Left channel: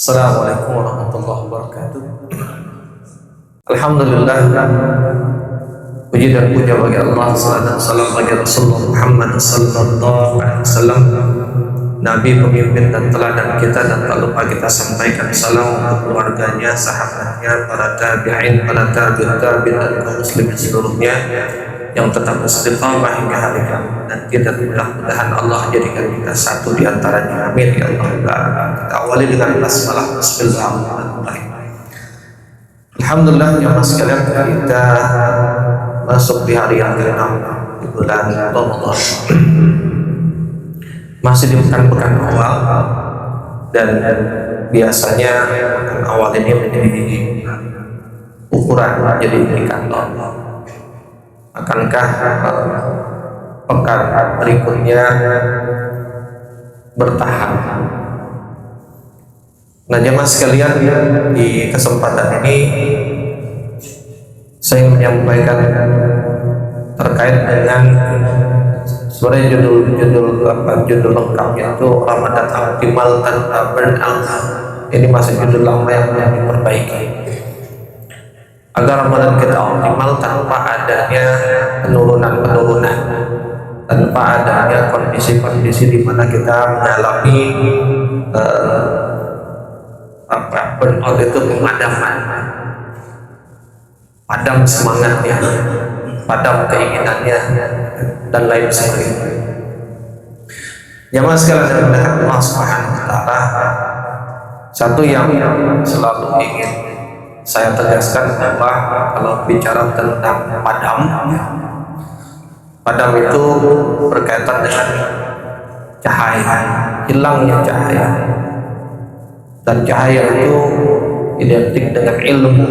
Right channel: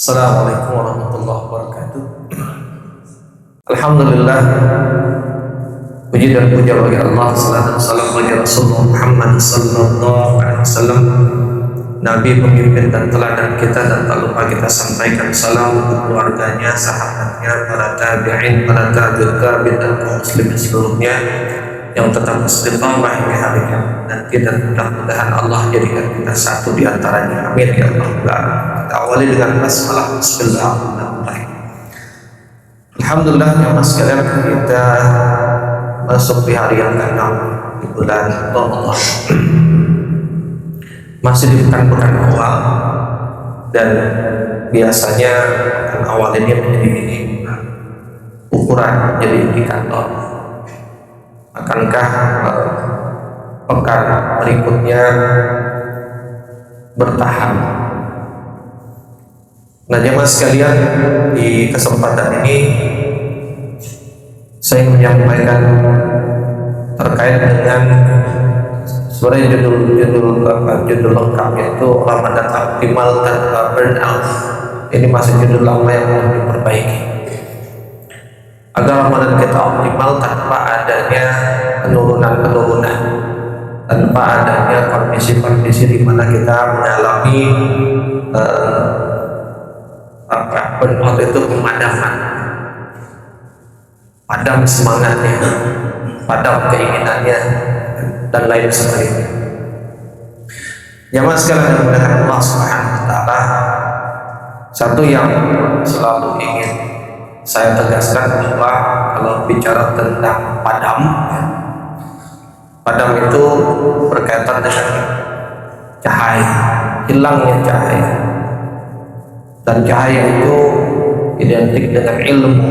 Assalamualaikum warahmatullahi wabarakatuh. Alhamdulillah, puji dan puja bagi Allah, salam dan salam bagi Rasulullah Muhammad sallallahu alaihi wasallam, Nabi, pemimpin dan teladan kita, dan tak lupa kita sampaikan salam untuk keluarganya, sahabatnya, para tabi'in, para tabi'ut tabi'in, dan kaum muslimin seluruhnya yang tetap istiqamah hingga hari kiamat nanti, dan mudah-mudahan Allah jadikan kita satu di antaranya. Amin ya Allah. Kita awali dengan basmalah. Bismillahirrahmanirrahim. Alhamdulillah ya mas sekalian, kita masuk di hari yang ke-6 di bulan Ramadan. Masih di pekan-pekan awal, dan biasanya pekan awal ini menjadi ukuran, menjadi indikator akankah pekan berikutnya bertahan. Nah jemaah sekalian, di kesempatan ini saya ingin menyampaikan terkait dengan sebenarnya judul lengkapnya itu Ramadan Optimal Tanpa Burnout. Ini masih judul lama yang perlu diperbaiki agar Ramadan kita optimal tanpa adanya penurunan-penurunan, tanpa adanya kondisi-kondisi di mana kita mengalami burnout, itu pemadaman, padam semangatnya, padam keinginannya, dan lain sebagainya. Jamaah sekalian yang dimuliakan Allah Subhanahu wa taala, satu yang selalu ingin saya tegaskan bahwa kalau bicara tentang padam, padam itu berkaitan dengan cahaya, hilangnya cahaya, dan cahaya itu identik dengan ilmu,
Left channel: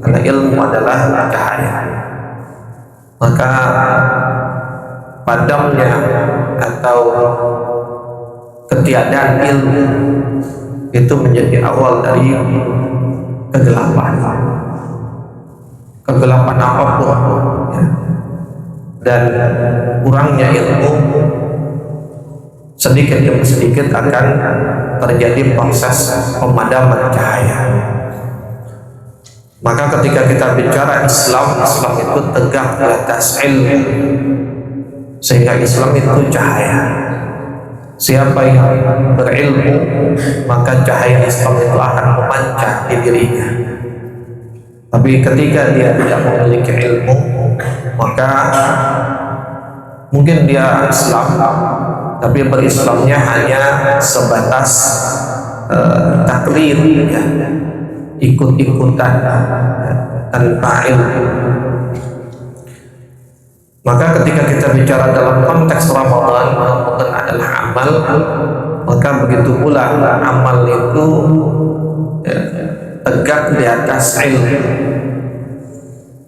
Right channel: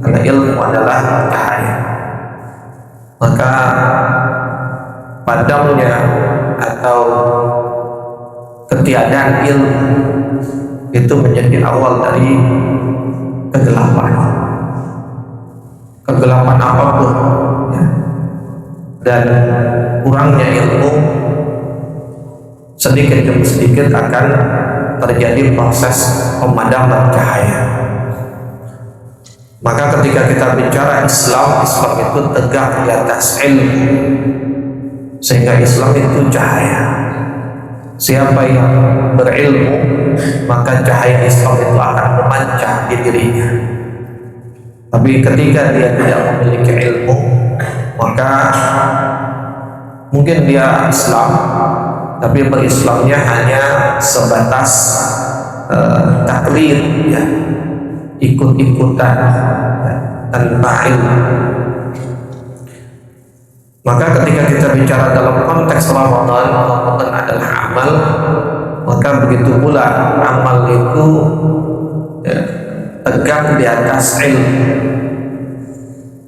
karena ilmu adalah cahaya. Maka padamnya atau ketiadaan ilmu itu menjadi awal dari kegelapan apapun, ya. Dan kurangnya ilmu sedikit demi sedikit akan terjadi proses pemadaman cahaya. Maka ketika kita bicara Islam itu tegak di atas ilmu, sehingga Islam itu cahaya. Siapa yang berilmu, maka cahaya Islam itu akan memancar di dirinya. Tapi ketika dia tidak memiliki ilmu, maka mungkin dia Islam, tapi berislamnya hanya sebatas taklid, ya, ikut-ikutan, ya, tanpa ilmu. Maka ketika kita bicara dalam konteks Ramadan adalah amal, maka begitu pula amal itu, ya, tegak di atas ilmu.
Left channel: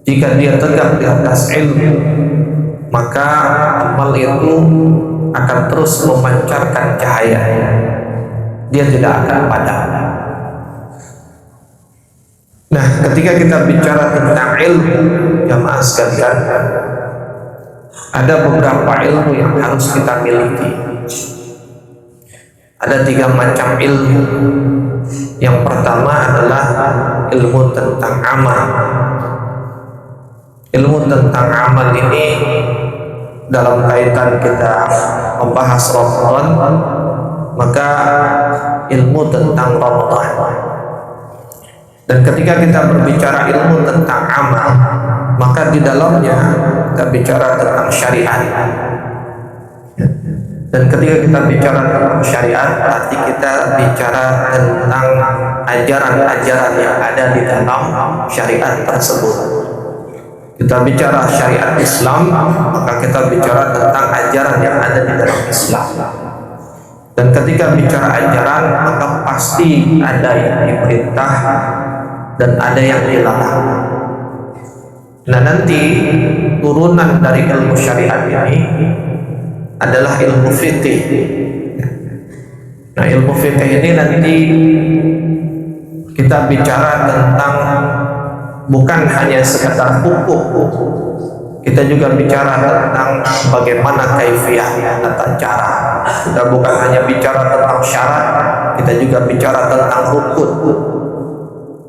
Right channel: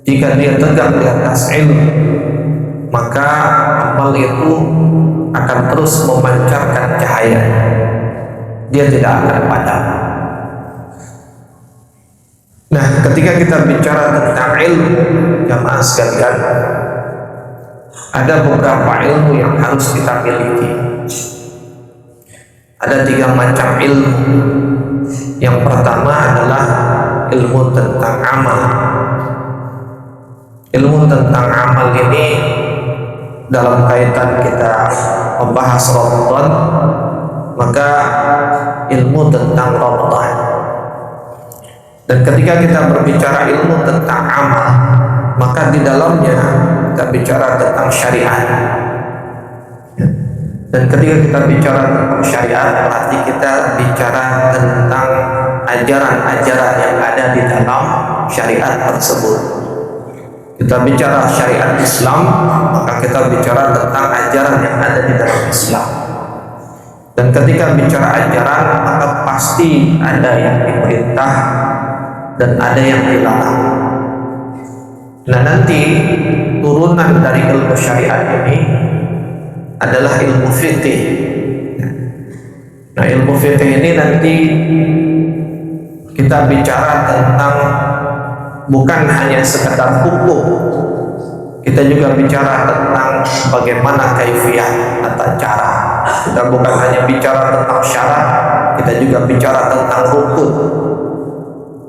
Jika dia tegak di atas ilmu, maka amal itu akan terus memancarkan cahaya, dia tidak akan padam. Nah, ketika kita bicara tentang ilmu, jamaah sekalian, ada beberapa ilmu yang harus kita miliki. Ada 3 macam ilmu. Yang pertama adalah ilmu tentang amal. Ilmu tentang amal ini dalam kaitan kita membahas Ramadan, maka ilmu tentang Ramadan. Dan ketika kita berbicara ilmu tentang amal, maka di dalamnya kita bicara tentang syariat. Dan ketika kita bicara tentang syariat, berarti kita bicara tentang ajaran-ajaran yang ada di dalam syariat tersebut. Kita bicara syariat Islam, maka kita bicara tentang ajaran yang ada di dalam Islam. Dan ketika bicara ajaran, maka pasti ada yang diperintah dan ada yang dilarang. Nah, nanti turunan dari ilmu syariat ini adalah ilmu fikih. Nah, ilmu fikih ini nanti kita bicara tentang bukan hanya sekedar hukum, kita juga bicara tentang bagaimana kaifiyah, tata cara. Kita bukan hanya bicara tentang syarat, kita juga bicara tentang rukun.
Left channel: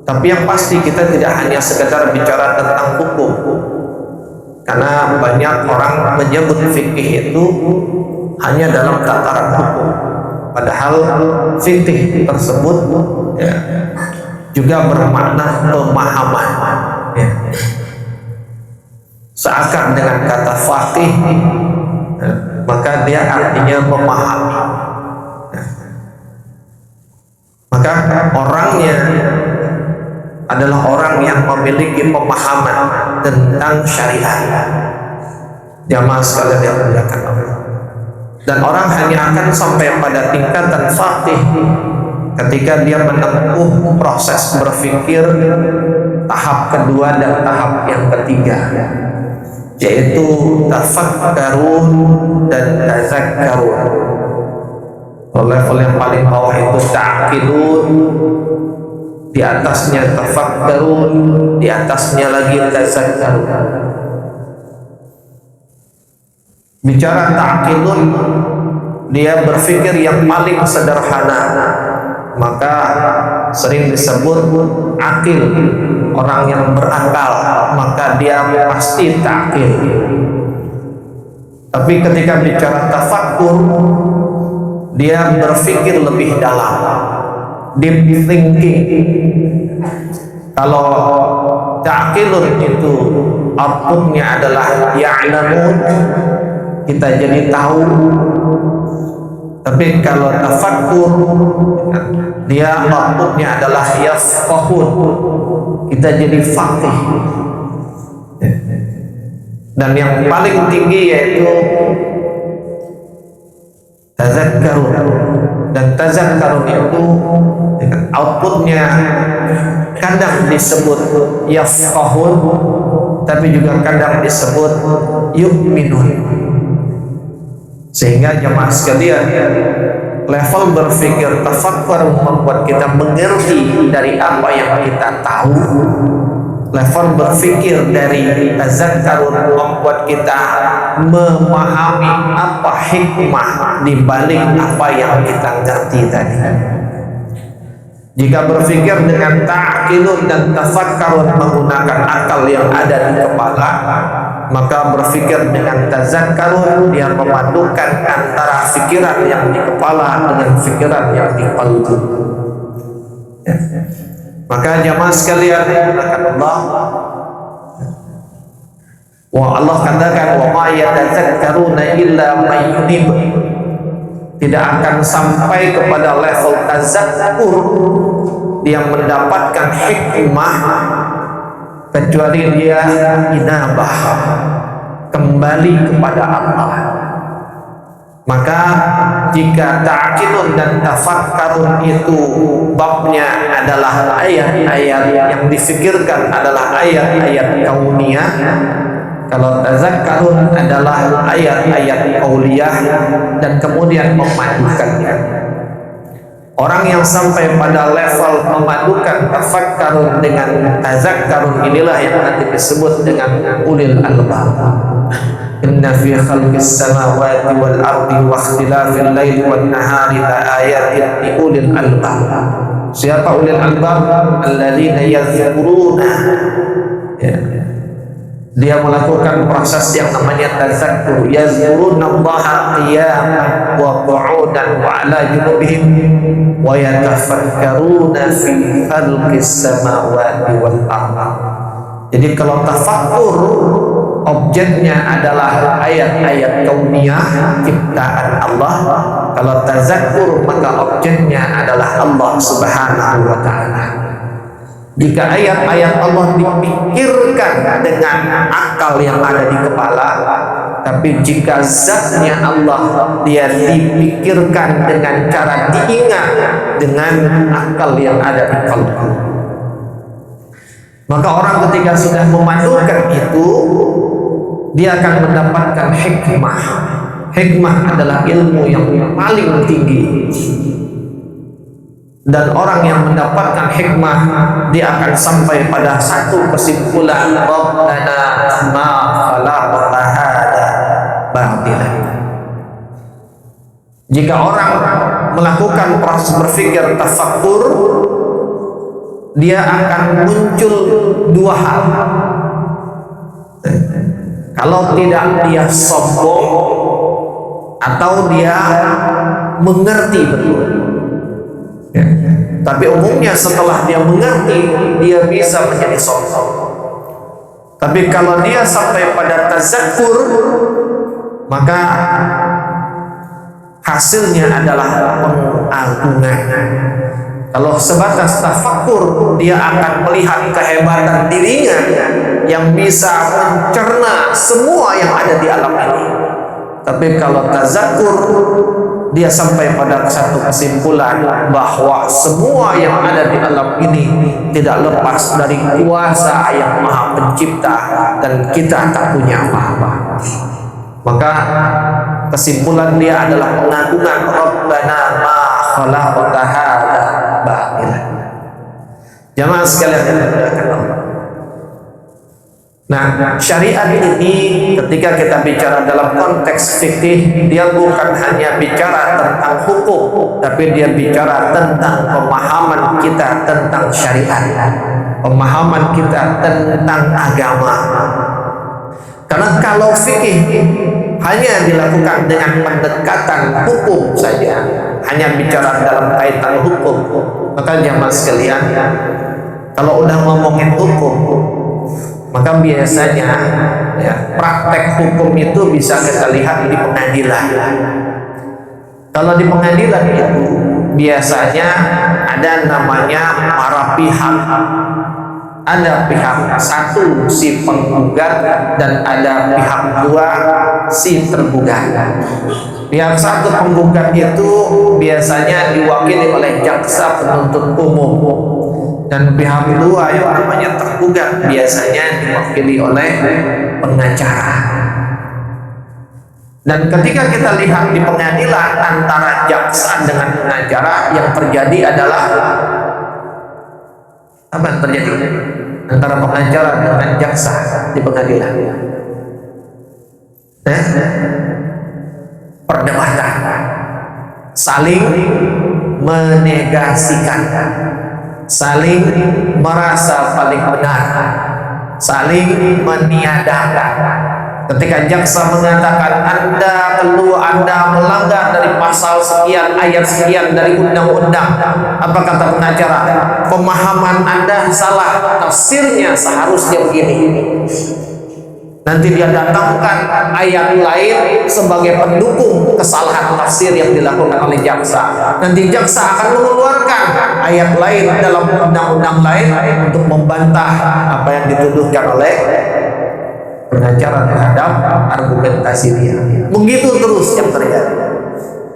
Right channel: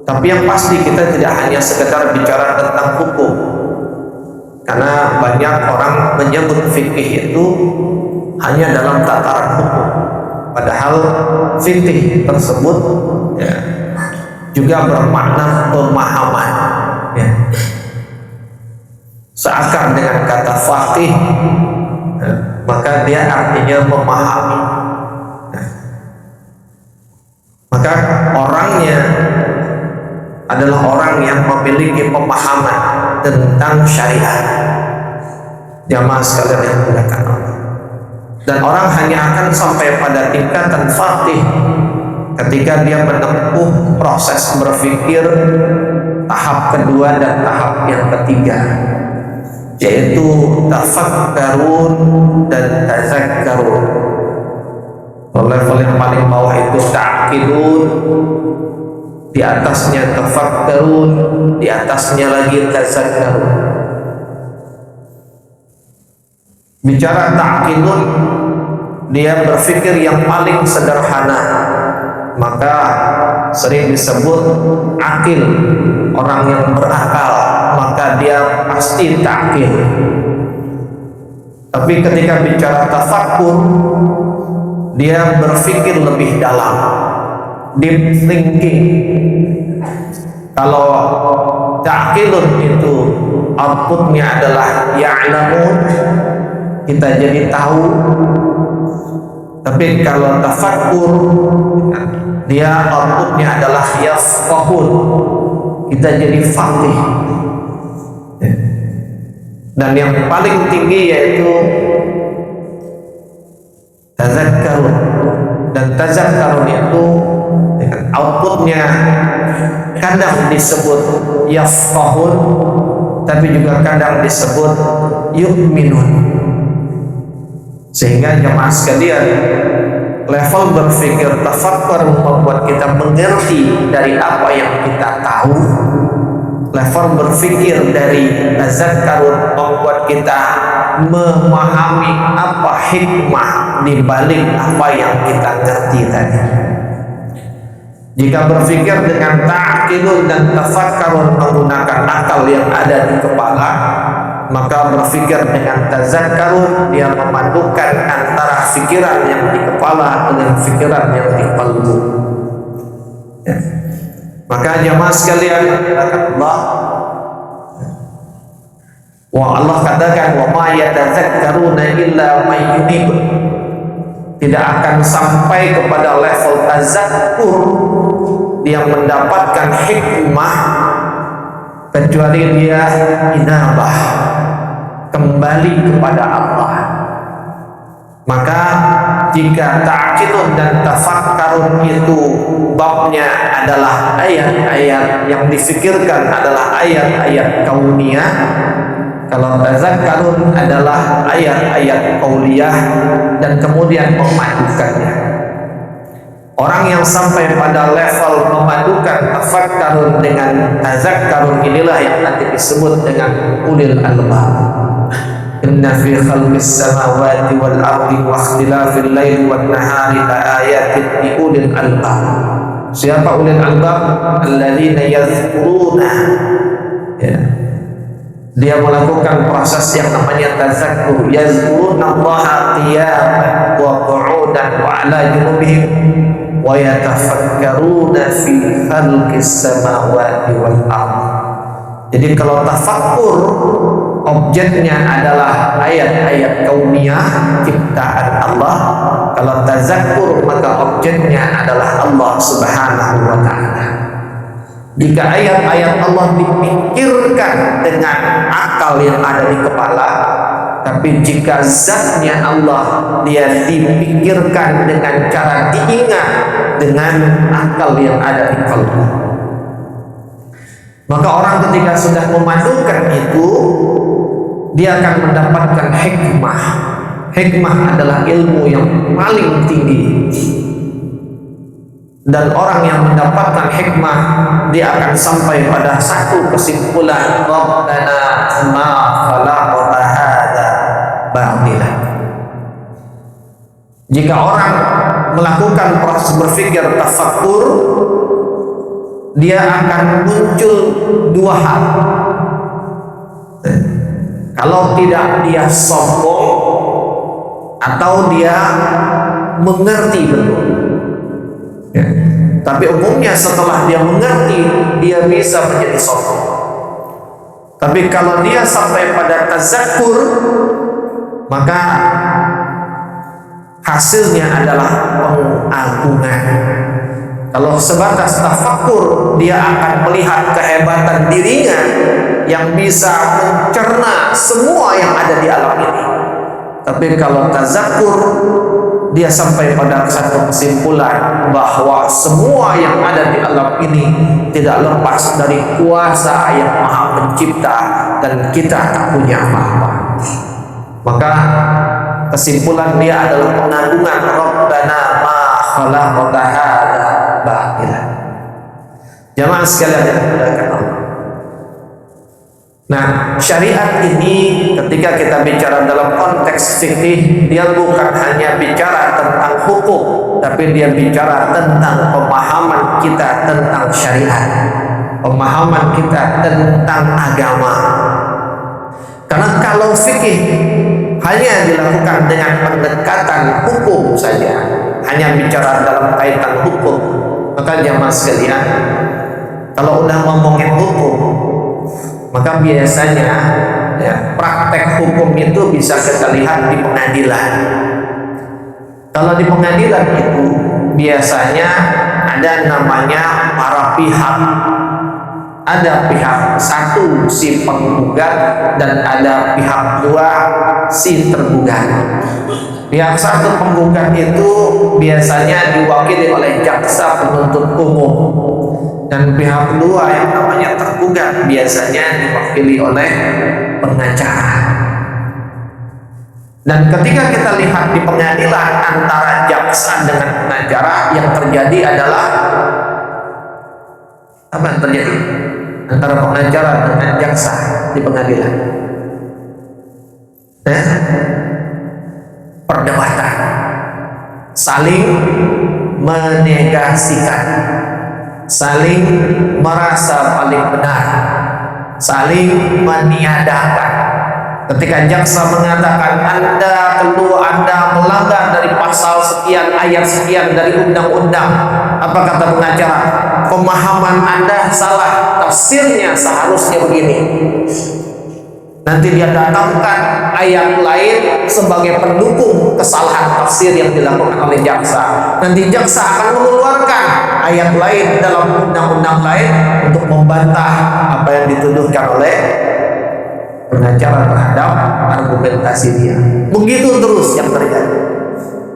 Tapi yang pasti kita tidak hanya sekedar bicara tentang hukum, karena banyak orang menyebut fikih itu hanya dalam tataran hukum, padahal fikih tersebut ya, juga bermakna pemahaman ya. Seakar dengan kata faqih ya, maka dia artinya memahami ya. Maka orangnya adalah orang yang memiliki pemahaman tentang syariat. Jamaah sekalian yang dimuliakan Allah. Dan orang hanya akan sampai pada tingkatan faqih ketika dia menempuh proses berpikir tahap kedua dan tahap yang ketiga, yaitu tafakkarun dan tazakkarun. Level yang paling bawah itu ta'qilun, di atasnya tafakkarun, di atasnya lagi tazakkarun. Bicara ta'qilun, dia berpikir yang paling sederhana, maka sering disebut akil, orang yang berakal, maka dia pasti ta'qil. Tapi ketika bicara tafakkur, dia berpikir lebih dalam, deep thinking. Kalau ta'qilun itu outputnya adalah ya'lamun, kita jadi tahu. Tapi kalau tafakkur, dia outputnya adalah yafqahun, kita jadi faqih. Dan yang paling tinggi yaitu tazakkarun. Dan tazakkarun itu outputnya kadang disebut yafqahun, tapi juga kadang disebut yu'minun. Sehingga jemaah sekalian, level berpikir tafakkur membuat kita mengerti dari apa yang kita tahu. Level berpikir dari tazakkarun membuat kita memahami apa hikmah di balik apa yang kita ngerti tadi. Jika berpikir dengan ta'qilun dan tafakkarun menggunakan akal yang ada di kepala, maka berpikir dengan tazakkarun dia memadukan antara pikiran yang di kepala dengan pikiran yang di qalbu ya. Maka jamaah sekalian, Allah Allah katakan wa ma yatazakkaruna illa may yunib, tidak akan sampai kepada level tazakkur dia mendapatkan hikmah kecuali dia inabah, kembali kepada Allah. Maka jika ta'qilun dan tafakkarun itu babnya adalah ayat-ayat yang difikirkan adalah ayat-ayat kauniyah, kalau tazakkarun adalah ayat-ayat qauliyah dan kemudian memadukannya. Orang yang sampai pada level memadukan tafakkarun dengan tazakkarun inilah yang nanti disebut dengan ulil albab. Inna fi khalqis samawati wal ardi wa ikhtilafil laili wan nahari laayatin li ulil albab. Siapa ulil albab? Alladzina yazkuruna ya. Dia melakukan proses yang namanya tazakkur. Yazkurunallaha qiyaman wa qu'udan wa ala junubihim wa yatafakkaruna fi khalqis samawati wal ardh. Jadi kalau tafakkur objeknya adalah ayat-ayat kauniyah ciptaan Allah, kalau tazakkur maka objeknya adalah Allah Subhanahu wa taala. Jika ayat-ayat Allah dipikirkan dengan akal yang ada di kepala, tapi jika zatnya Allah dia dipikirkan dengan cara diingat dengan akal yang ada di kalbu. Maka orang ketika sudah memadukan itu, dia akan mendapatkan hikmah. Hikmah adalah ilmu yang paling tinggi. Dan orang yang mendapatkan hikmah, dia akan sampai pada satu kesimpulan, Rabbana ma khalaqta hada batilan. Jika orang melakukan proses berpikir tafakkur, dia akan muncul dua hal. Kalau tidak dia sombong atau dia mengerti betul. Ya. Tapi umumnya setelah dia mengerti, dia bisa menjadi sombong. Tapi kalau dia sampai pada tazakkur, maka hasilnya adalah pengagungan. Kalau sebatas tafakkur, dia akan melihat kehebatan dirinya yang bisa mencerna semua yang ada di alam ini. Tapi kalau tazakkur, dia sampai pada satu kesimpulan bahwa semua yang ada di alam ini tidak lepas dari kuasa yang Maha Pencipta dan kita tak punya apa-apa. Maka kesimpulan dia adalah pengagungan, Rabbana ma khalaqta hadza batila. Jamaah sekalian yang dimuliakan Allah. Nah, syariat ini ketika kita bicara dalam konteks fikih, dia bukan hanya bicara tentang hukum, tapi dia bicara tentang pemahaman kita tentang syariat, pemahaman kita tentang agama. Karena kalau fikih hanya dilakukan dengan pendekatan hukum saja, hanya bicara dalam kaitan hukum, maka jamaah sekalian, kalau udah ngomongin hukum, maka biasanya ya, praktek hukum itu bisa kita lihat di pengadilan. Kalau di pengadilan itu biasanya ada namanya para pihak. Ada pihak satu si penggugat dan ada pihak dua si tergugat. Pihak satu penggugat itu biasanya diwakili oleh jaksa penuntut umum, dan pihak dua yang namanya tergugat biasanya diwakili oleh pengacara. Dan ketika kita lihat di pengadilan antara jaksa dengan pengacara, yang terjadi adalah apa yang terjadi antara pengacara dengan jaksa di pengadilan? Perdebatan, saling menegasikan, saling merasa paling benar, saling meniadakan. Ketika jaksa mengatakan Anda melanggar dari pasal sekian, ayat sekian dari undang-undang, apa kata pengacara? Pemahaman Anda salah, tafsirnya seharusnya begini. Nanti dia datangkan ayat lain sebagai pendukung kesalahan tafsir yang dilakukan oleh jaksa. Nanti jaksa akan mengeluarkan ayat lain dalam undang-undang lain untuk membantah apa yang dituduhkan oleh pengacara terhadap argumentasi dia. Begitu terus yang terjadi,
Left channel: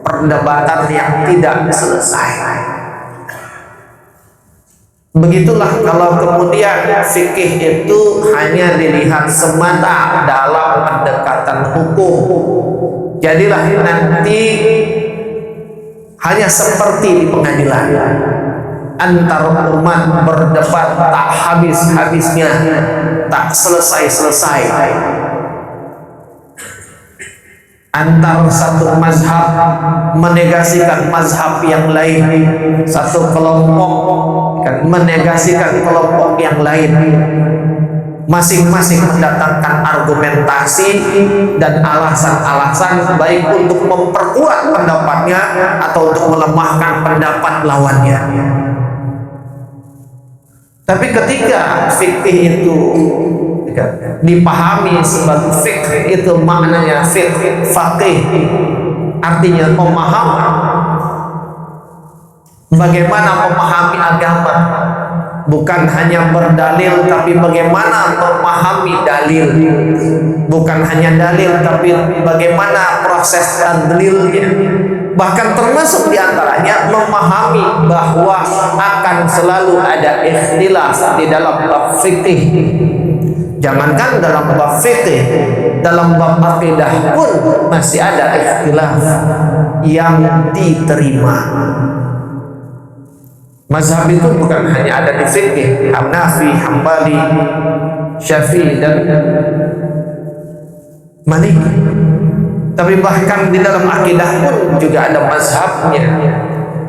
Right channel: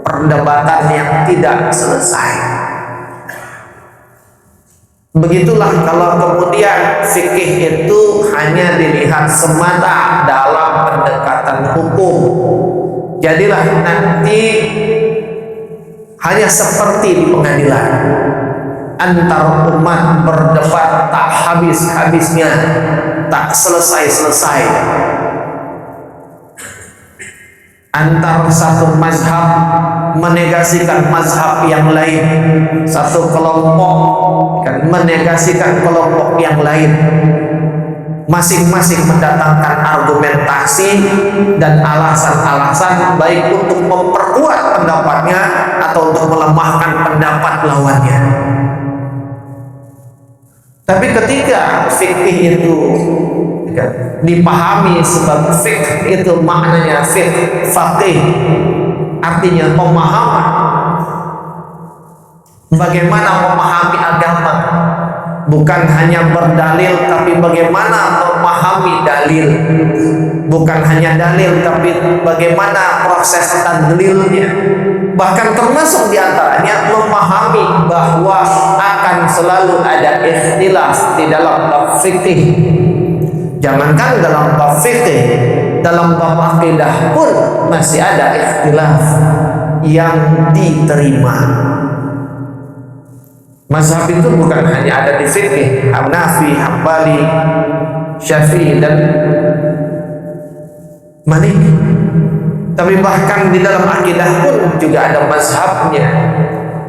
perdebatan yang tidak selesai. Begitulah kalau kemudian fikih itu hanya dilihat semata dalam pendekatan hukum, jadilah nanti hanya seperti di pengadilan, antar umat berdebat tak habis-habisnya, tak selesai-selesai. Antar satu mazhab menegasikan mazhab yang lain, satu kelompok menegasikan kelompok yang lain, masing-masing mendatangkan argumentasi dan alasan-alasan baik untuk memperkuat pendapatnya atau untuk melemahkan pendapat lawannya. Tapi ketika fikih itu dipahami sebagai fikih, itu maknanya faqih, artinya pemahaman. Bagaimana memahami agama, bukan hanya berdalil, tapi bagaimana memahami dalil. Bukan hanya dalil, tapi bagaimana proses tadlilnya. Bahkan termasuk diantaranya memahami bahwa akan selalu ada ikhtilaf di dalam bab fikih. Jangankan dalam bab fikih, dalam bab akidah pun masih ada ikhtilaf yang diterima. Mazhab itu bukan hanya ada di fikih, Hanafi, Hambali, Syafi'i dan Maliki, tapi bahkan di dalam akidah pun juga ada mazhabnya.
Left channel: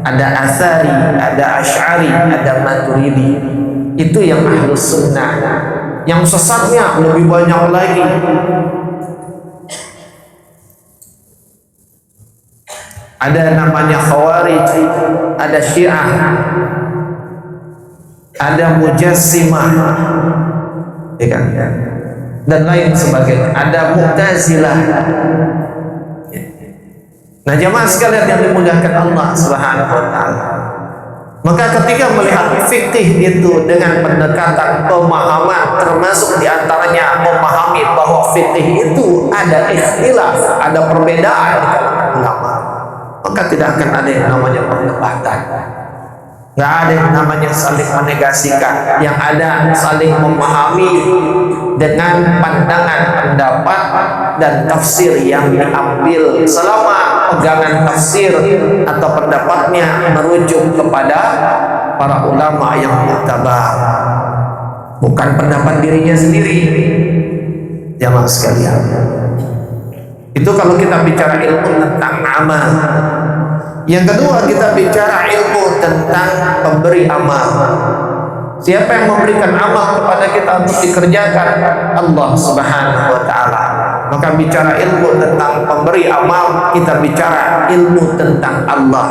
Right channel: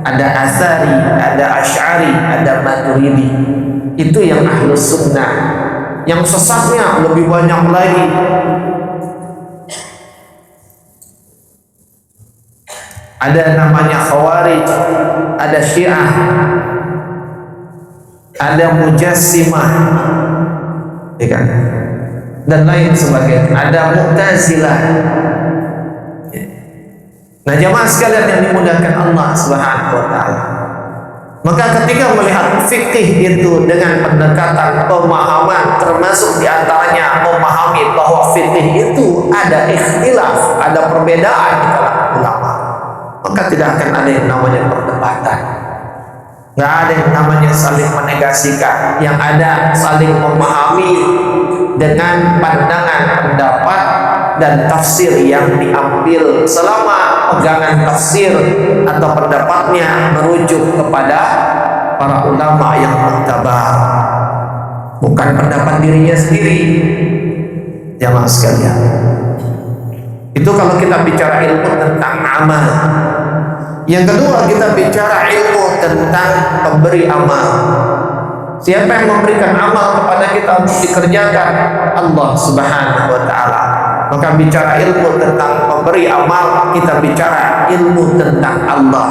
ada Atsari, ada Asy'ari, ada Maturidi. Itu yang Ahlus Sunnah. Yang sesatnya lebih banyak lagi. Ada namanya Khawarij, ada Syiah, ada Mujassimah, ya kan? Dan lain sebagainya. Ada Mu'tazilah. Nah, jamaah sekalian yang dimuliakan Allah Subhanahu wa taala. Maka ketika melihat fikih itu dengan pendekatan pemahaman, termasuk diantaranya memahami bahwa fikih itu ada ikhtilaf, ada perbedaan di kalangan ulama, maka tidak akan ada yang namanya perdebatan. Nggak ada yang namanya saling menegasikan. Yang ada saling memahami dengan pandangan, pendapat, dan tafsir yang diambil selama pegangan tafsir atau pendapatnya merujuk kepada para ulama yang muktabar, bukan pendapat dirinya sendiri. Jamaah sekalian, itu kalau kita bicara ilmu tentang amal. Yang kedua, kita bicara ilmu tentang pemberi amal. Siapa yang memberikan amal kepada kita untuk dikerjakan? Allah Subhanahu wa taala. Maka bicara ilmu tentang pemberi amal, kita bicara ilmu tentang Allah.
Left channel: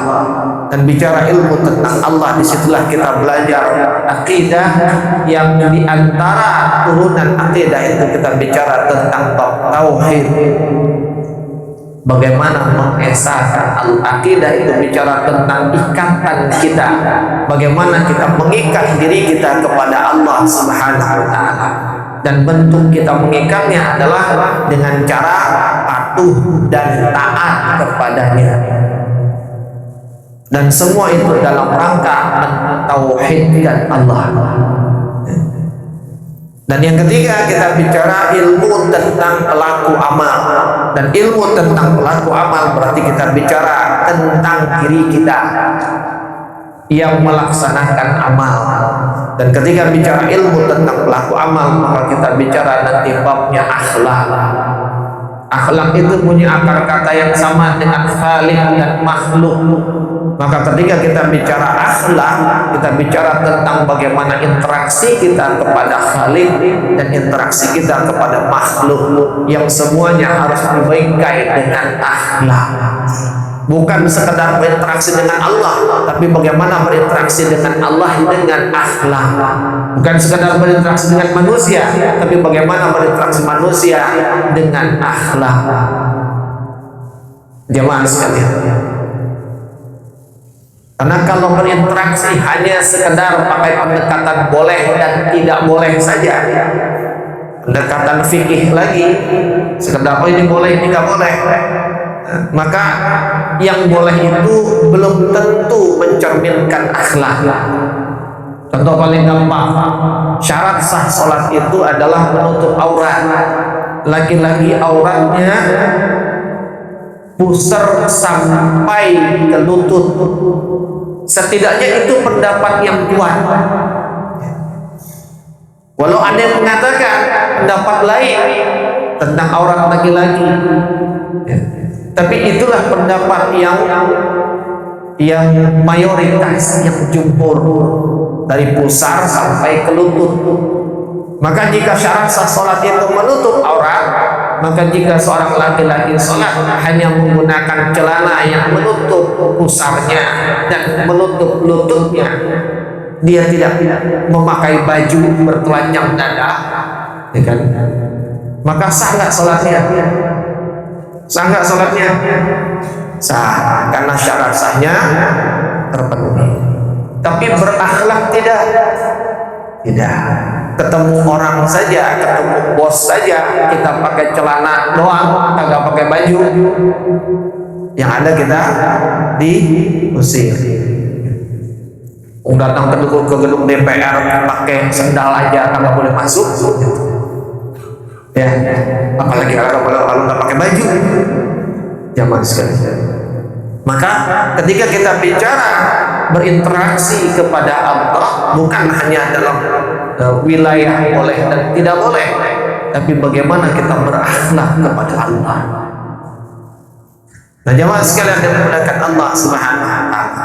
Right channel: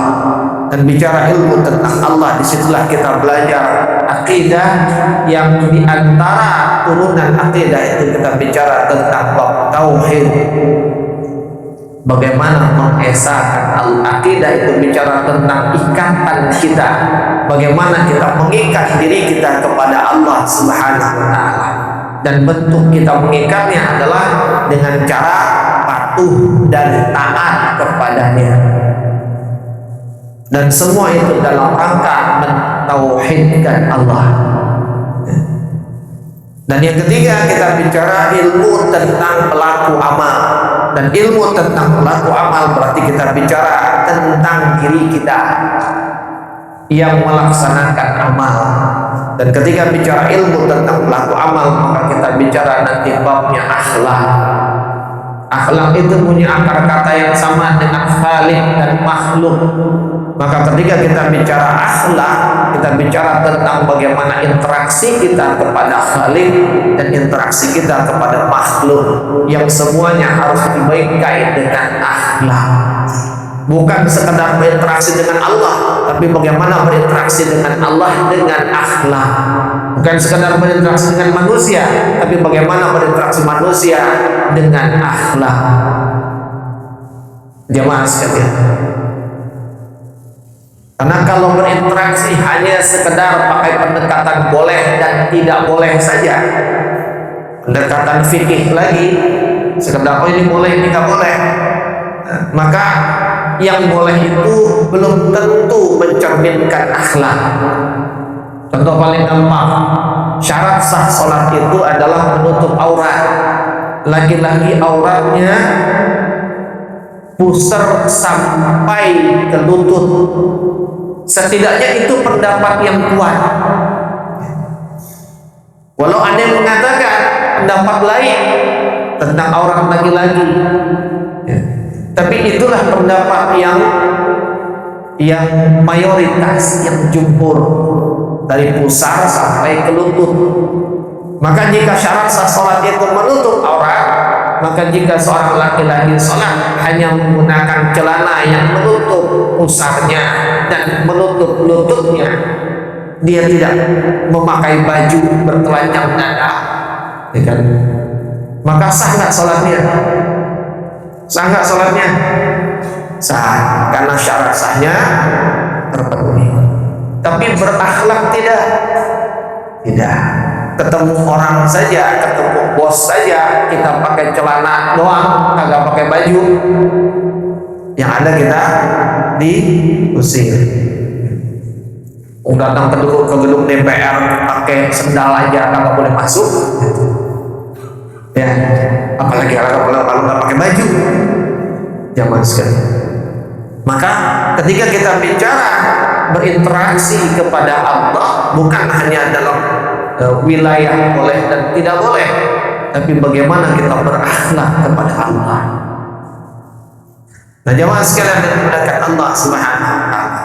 Dan bicara ilmu tentang Allah, disitulah kita belajar akidah, yang diantara turunan akidah itu kita bicara tentang bab tauhid. Bagaimana mengesahkan al-aqidah itu bicara tentang ikatan kita. Bagaimana kita mengikat diri kita kepada Allah Subhanahu wa taala. Dan bentuk kita mengikatnya adalah dengan cara patuh dan taat kepadanya. Dan semua itu dalam rangka mentauhidkan Allah. Dan yang ketiga, kita bicara ilmu tentang pelaku amal. Dan ilmu tentang pelaku amal berarti kita bicara tentang diri kita yang melaksanakan amal. Dan ketika bicara ilmu tentang pelaku amal, maka kita bicara nanti babnya akhlak. Akhlak itu punya akar kata yang sama dengan khaliq dan makhluk. Maka ketika kita bicara akhlak, kita bicara tentang bagaimana interaksi kita kepada khaliq dan interaksi kita kepada makhluk, yang semuanya harus dibaikai dengan akhlak. Bukan sekedar berinteraksi dengan Allah, tapi bagaimana berinteraksi dengan Allah dengan akhlak. Bukan sekedar berinteraksi dengan manusia, tapi bagaimana berinteraksi manusia dengan akhlak. Jemaah sekalian, karena kalau berinteraksi hanya sekedar pakai pendekatan boleh dan tidak boleh saja, pendekatan fikih lagi, sekedar oh ini boleh, ini nggak boleh, maka yang boleh itu belum tentu mencerminkan akhlak. Contoh paling gampang, syarat sah sholat itu adalah menutup aurat. Laki-laki auratnya pusar sampai ke lutut. Setidaknya itu pendapat yang kuat. Walau ada yang mengatakan pendapat lain tentang aurat laki-laki, tapi itulah pendapat yang mayoritas, yang jumhur, dari pusar sampai ke lutut. Maka jika syarat sah sholat itu menutup aurat, maka jika seorang laki-laki sholat hanya menggunakan celana yang menutup pusarnya dan menutup lututnya, dia tidak memakai baju bertelanjang dada, ya kan? Maka sah nggak sholatnya? Sah nggak sholatnya? Sah, karena syarat sahnya terpenuhi. Tapi berakhlak tidak. Tidak. Ketemu orang saja, ketemu bos saja, kita pakai celana doang, kagak pakai baju, yang ada kita diusir. Datang ke gedung DPR pakai sendal aja kagak boleh masuk, ya, apalagi kalau nggak pakai baju. Zaman sekali. Maka ketika kita bicara berinteraksi kepada Allah, bukan hanya dalam wilayah boleh dan tidak boleh, tapi bagaimana kita berakhlak kepada Allah. Nah, jamaah sekalian yang dimuliakan Allah Subhanahu wa taala,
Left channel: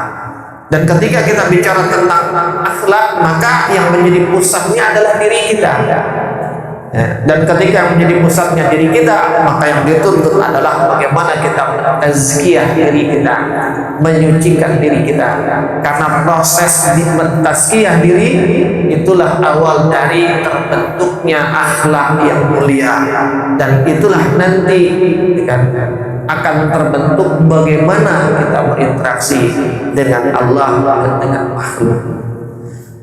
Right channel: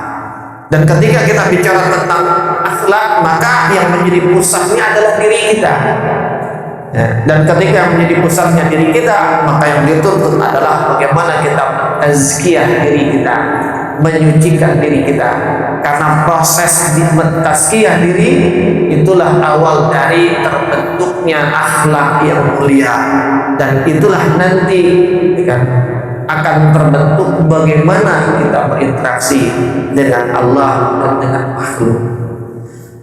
Dan ketika kita bicara tentang akhlak, maka yang menjadi pusatnya adalah diri kita. Ya, dan ketika yang menjadi pusatnya diri kita, maka yang dituntut adalah bagaimana kita mentazkiyah diri kita, menyucikan diri kita. Karena proses mentazkiyah diri itulah awal dari terbentuknya akhlak yang mulia, dan itulah nanti kan akan terbentuk bagaimana kita berinteraksi dengan Allah dan dengan makhluk.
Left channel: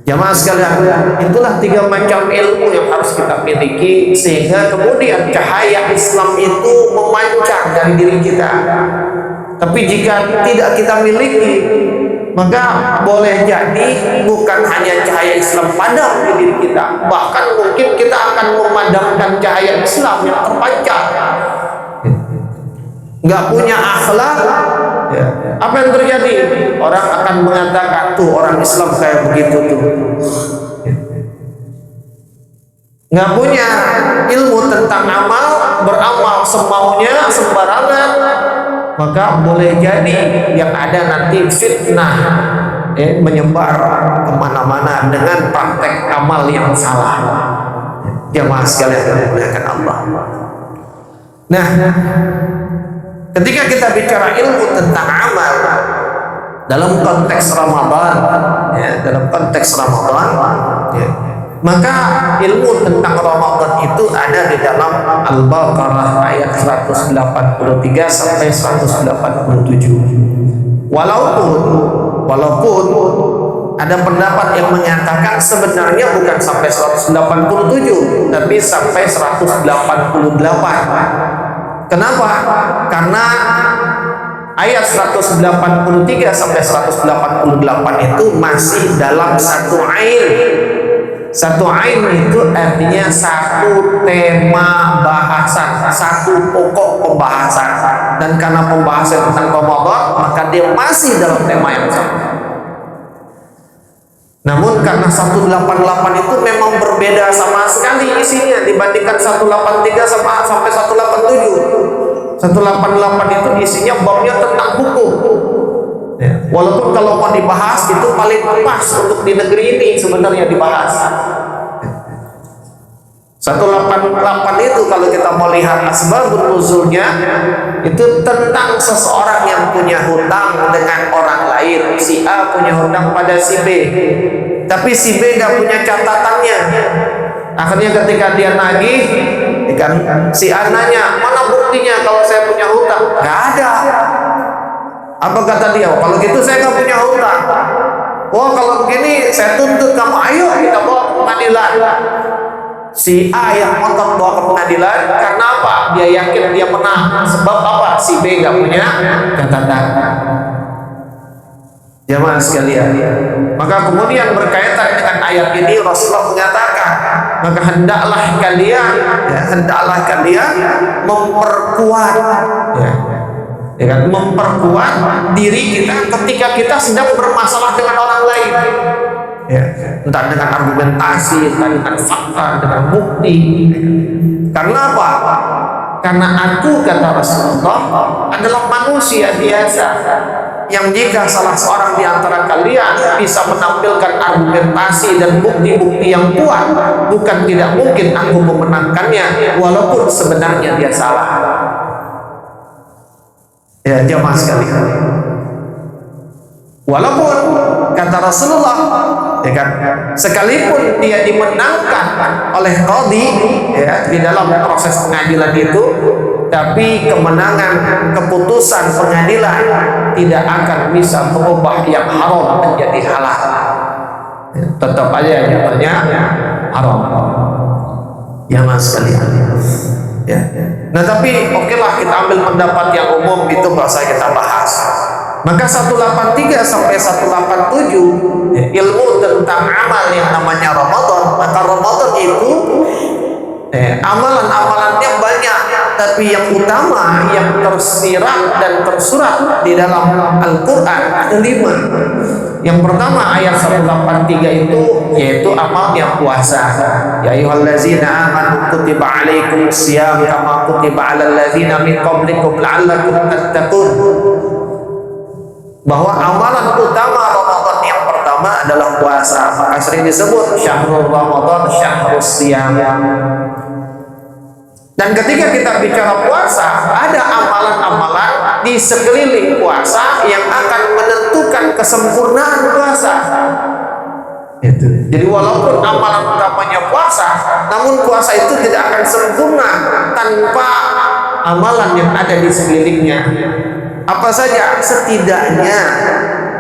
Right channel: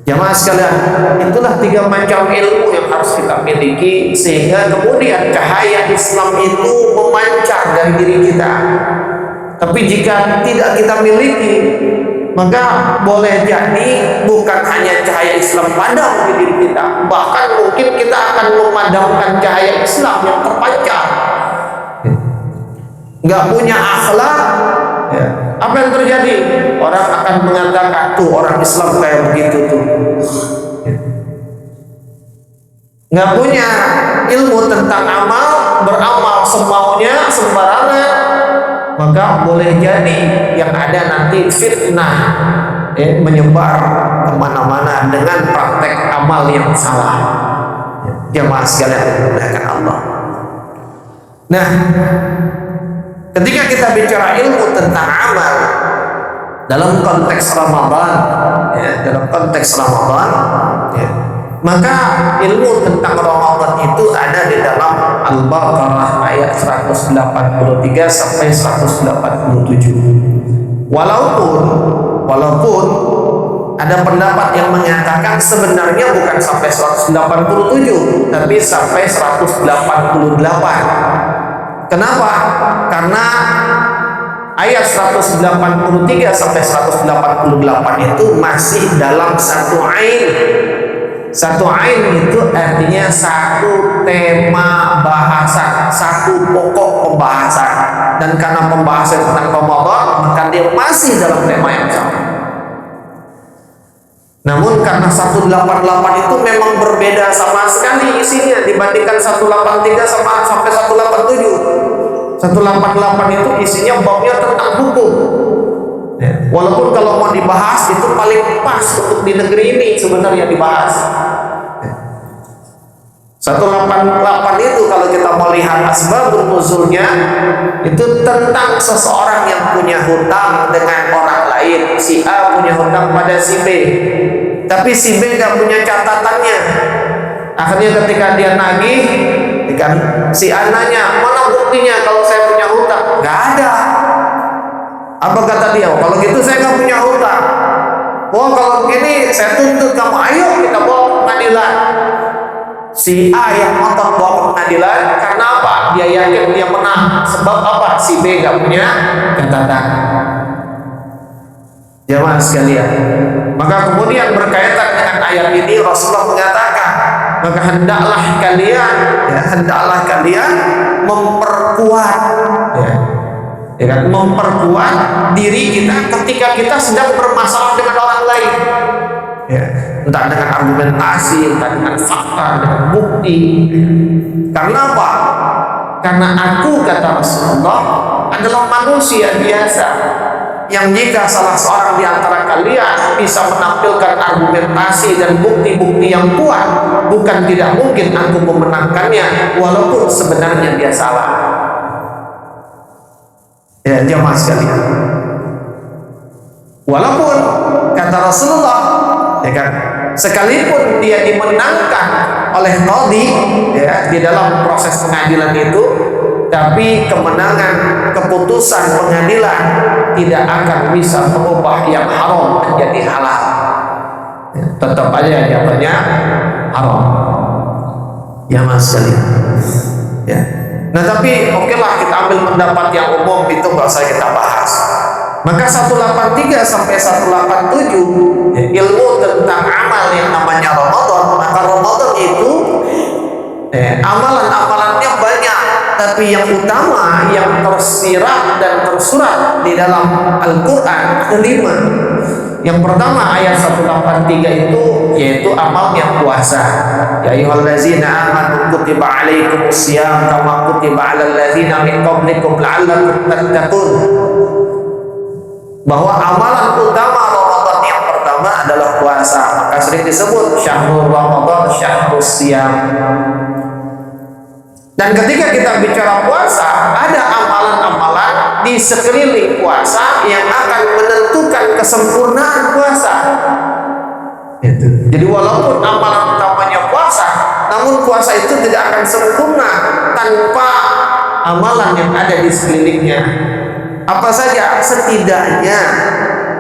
Jamaah sekalian, itulah 3 macam ilmu yang harus kita miliki sehingga kemudian cahaya Islam itu memancar dari diri kita. Tapi jika tidak kita miliki, maka boleh jadi bukan hanya cahaya Islam padam di diri kita, bahkan mungkin kita akan memadamkan cahaya Islam yang terpancar. Nggak punya akhlak, ya, apa yang terjadi? Orang akan mengatakan, tuh orang Islam kayak begitu tuh. Nggak punya ilmu tentang amal, beramal semaunya, sembarangan, maka boleh jadi yang ada nanti fitnah, menyebar kemana-mana dengan praktek amal yang salah. Jamaah sekalian yang dimuliakan Allah. Nah, ketika kita bicara ilmu tentang amal dalam konteks Ramadan, dalam konteks Ramadan, maka ilmu tentang Ramadan itu ada di dalam Al-Baqarah ayat 183 sampai 187. Walaupun ada pendapat yang menyatakan sebenarnya bukan sampai 187, tapi sampai 188. Kenapa? Karena ayat 183 sampai 188 itu masih dalam satu ain. Satu ain itu artinya satu tema bahasan, satu pokok pembahasan. Dan karena pembahasan tentang Ramadan, maka dia masih dalam tema yang sama. Namun karena 188 itu memang berbeda sama sekali isinya dibandingkan 183 sampai 187. 188 itu isinya babnya tentang hukum. Ya, walaupun kalau mau dibahas itu paling pas untuk di negeri ini sebenarnya dibahas. 188 itu kalau kita mau lihat asbabun nuzulnya itu tentang seseorang yang punya hutang dengan orang lain. Si A punya hutang pada si B, tapi si B nggak punya catatannya. Akhirnya ketika dia nagih, kan si A nanya, mana buktinya kalau saya punya hutang? Nggak ada. Apa kata dia? Oh, kalau gitu saya nggak punya hutang. Oh, kalau begini saya tuntut kamu. Ayo kita bawa ke pengadilan. Si A yang ngotot bawa ke pengadilan karena apa? Dia yakin dia menang. Sebab apa? Si B nggak punya catatan. Jamaah sekalian, maka kemudian berkaitan dengan ayat ini Rasulullah mengatakan, maka hendaklah kalian memperkuat, memperkuat diri kita ketika kita sedang bermasalah dengan orang lain, entah dengan argumentasi, entah dengan fakta, dengan bukti. Karena apa? Karena aku, kata Rasulullah, adalah manusia biasa yang jika salah seorang di antara kalian bisa menampilkan argumentasi dan bukti-bukti yang kuat, bukan tidak mungkin aku memenangkannya walaupun sebenarnya dia salah. Ya, jamaah sekalian, walaupun kata Rasulullah, sekalipun dia dimenangkan oleh qadhi, di dalam proses pengadilan itu, tapi kemenangan keputusan pengadilan tidak akan bisa mengubah yang haram menjadi halal. Tetap aja jatuhnya haram. Ya mas sekalian. Ya. Nah tapi okelah kita ambil pendapat yang umum itu nggak usah kita bahas. Maka 183 sampai 187 ilmu tentang amal yang namanya Ramadan. Maka Ramadan itu amalan-amalannya banyak, tapi yang utama yang tersirat dan tersurat di dalam Al-Quran ada 5. Yang pertama ayat 183 itu yaitu amalnya puasa. Ya ayyuhallazina amanu kutiba alaikumusiyam kama kutiba alal ladzina min qablikum la'allakum tattaqun. bahwa amalan utama Ramadan yang pertama adalah puasa. Maka sering disebut syahrul Ramadan, syahrus siyam. Dan ketika kita bicara puasa, ada amalan-amalan di sekeliling puasa yang akan menentukan kesempurnaan puasa. Itu. Jadi walaupun amalan utamanya puasa, namun puasa itu tidak akan sempurna tanpa amalan yang ada di sekelilingnya. Apa saja? Setidaknya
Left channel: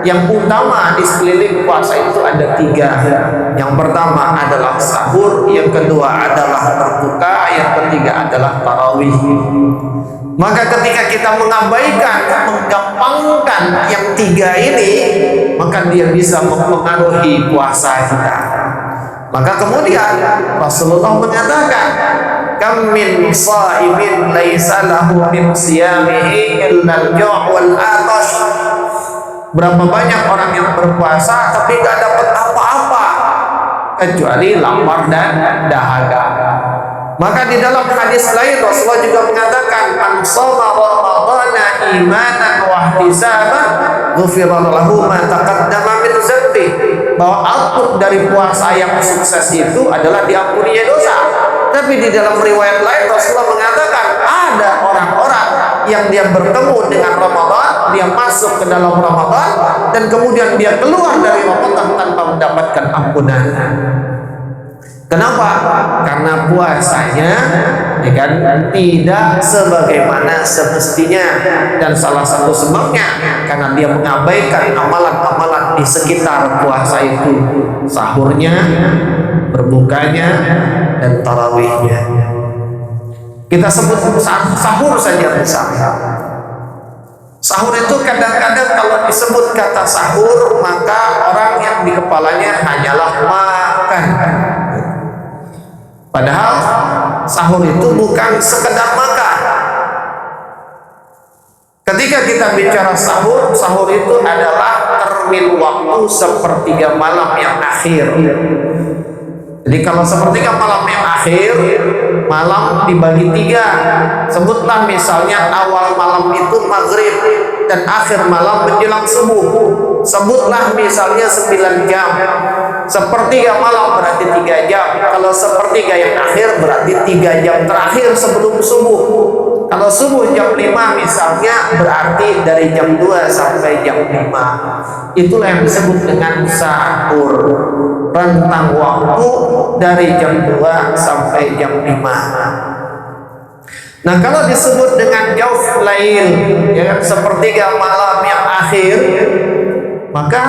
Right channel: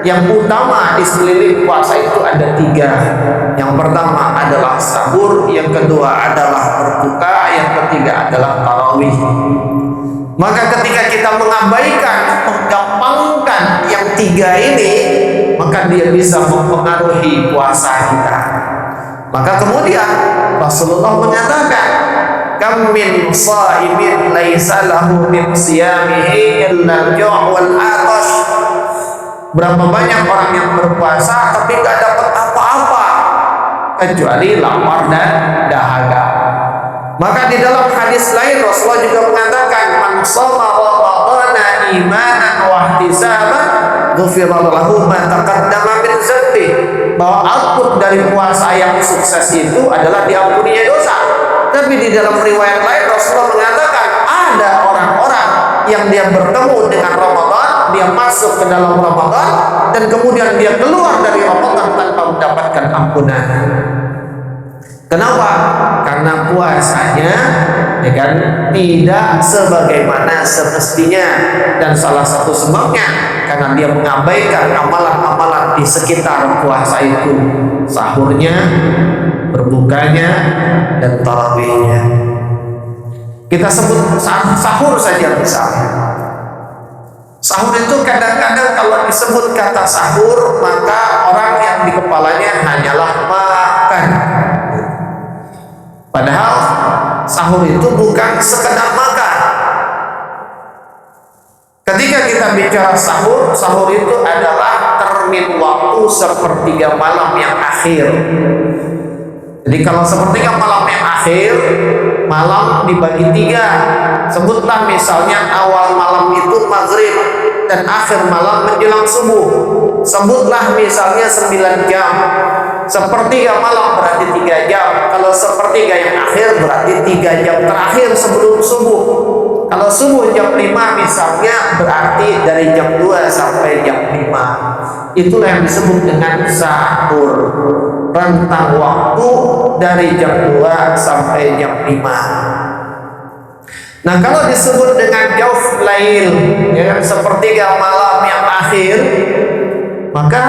yang utama di sekeliling puasa itu ada 3. Yang pertama adalah sahur, yang kedua adalah berbuka, yang ketiga adalah tarawih. Maka ketika kita mengabaikan, menggampangkan yang 3 ini, maka dia bisa mempengaruhi puasa kita. Maka kemudian Rasulullah mengatakan, kam min shaimin laisa lahu min siyamihi illa al-ju' wal 'atash. Berapa banyak orang yang berpuasa tapi gak dapat apa-apa kecuali lapar dan dahaga. Maka di dalam hadis lain Rasulullah juga mengatakan, man shoma ramadhana imanan wa ihtisaban ghufira lahu ma taqaddama min dzambi. Bahwa output dari puasa yang sukses itu adalah diampuninya dosa. Tapi di dalam riwayat lain Rasulullah mengatakan ada orang-orang yang dia bertemu dengan Ramadan, dia masuk ke dalam Ramadan, dan kemudian dia keluar dari Ramadan tanpa mendapatkan ampunan. Kenapa? Karena puasanya ya kan, tidak sebagaimana semestinya. Dan salah satu sebabnya karena dia mengabaikan amalan-amalan di sekitar puasa itu, sahurnya, berbukanya, dan tarawihnya. Kita sebut sahur saja misalnya. Sahur itu kadang-kadang kalau disebut kata sahur, maka orang yang di kepalanya hanyalah makan. Padahal sahur itu bukan sekedar makan. Ketika kita bicara sahur, sahur itu adalah termin waktu sepertiga malam yang akhir. Jadi kalau sepertiga malam yang akhir, malam dibagi 3. Sebutlah misalnya awal malam itu maghrib dan akhir malam menjelang subuh. Sebutlah misalnya 9 jam. Sepertiga malam berarti 3 jam. Kalau sepertiga yang akhir berarti 3 jam terakhir sebelum subuh. Kalau subuh jam 5 misalnya, berarti dari jam 2 sampai jam 5. Itulah yang disebut dengan sahur. Rentang waktu dari jam 2 sampai jam 5. Nah, kalau disebut dengan jauf lail, ya kan, sepertiga malam yang akhir, maka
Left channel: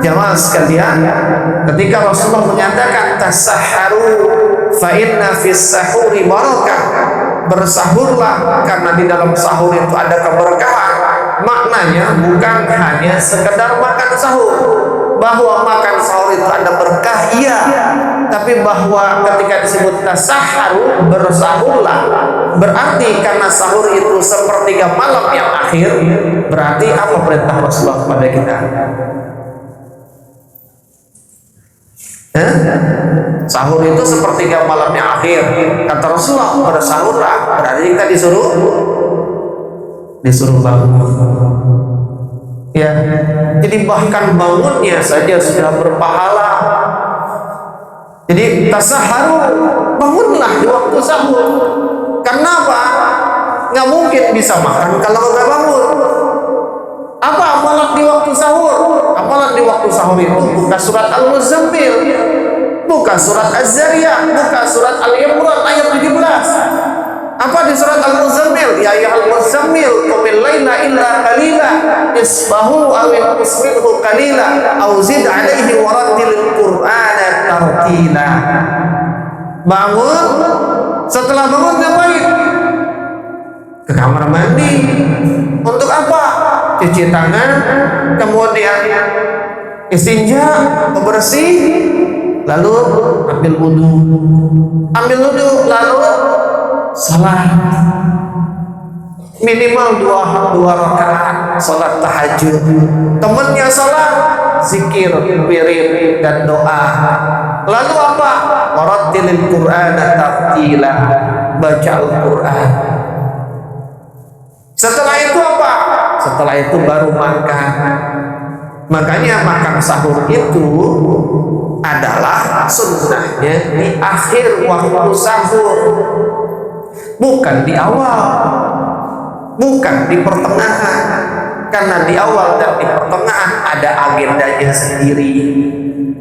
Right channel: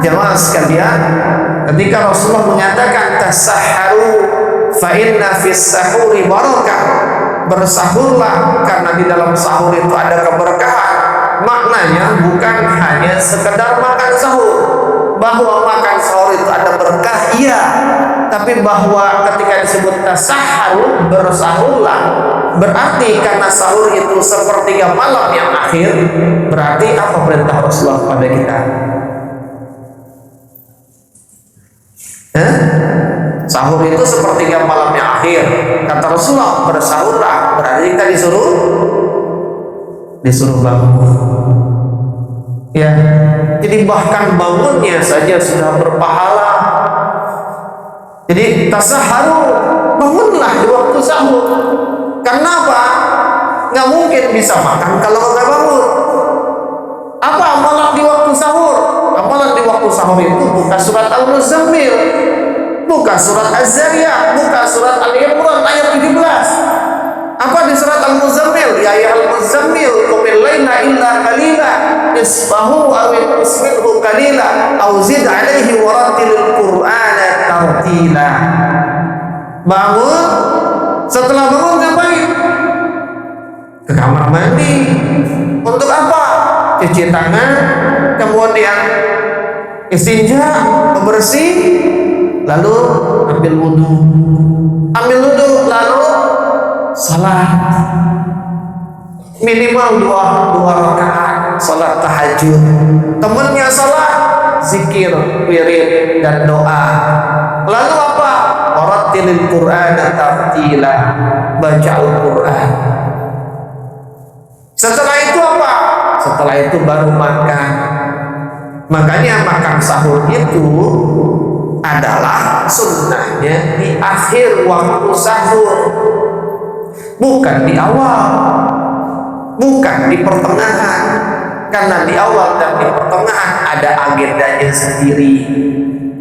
jamaah sekalian, ketika Rasulullah mengatakan tasahharu fa inna fis sahuri barakah, bersahurlah karena di dalam sahur itu ada keberkahan. Maknanya bukan hanya sekedar makan sahur. Bahwa makan sahur itu ada berkah, iya, tapi bahwa ketika disebut tasahharu, bersahurlah, berarti karena sahur itu sepertiga malam yang akhir, berarti apa perintah Rasulullah kepada kita? Sahur itu sepertiga malam yang akhir, kata Rasulullah, bersahurlah, berarti kita disuruh bangun. Ya, jadi bahkan bangunnya saja sudah berpahala. Jadi tasahharu, bangunlah di waktu sahur. Karena apa? Nggak mungkin bisa makan kalau nggak bangun. Apa amalan di waktu sahur? Amalan di waktu sahur itu buka surat Al-Muzammil, buka surat Az-Zariyat, buka surat Al-Imran ayat 17. Apa di surat Al-Muzammil? Ya ayyuhal muzammil qumil laila illa qalila nisfahu aw inqus minhu qalila aw zid 'alaihi wa rattilil qur'ana tartila. Bangun, setelah bangun ngapain? Ke kamar mandi. Untuk apa? Cuci tangan, kemudian istinja, bebersih, lalu ambil wudu. Lalu salat minimal dua rakaat salat tahajud. Temennya salat, zikir, wirid, dan doa. Lalu apa? Warattilil qur'ana tartila, baca Al-Quran. Setelah itu apa? setelah itu baru makan. Makanya makan sahur itu adalah sunnahnya di akhir waktu sahur, bukan di awal, bukan di pertengahan. Karena di awal dan di pertengahan ada agendanya sendiri.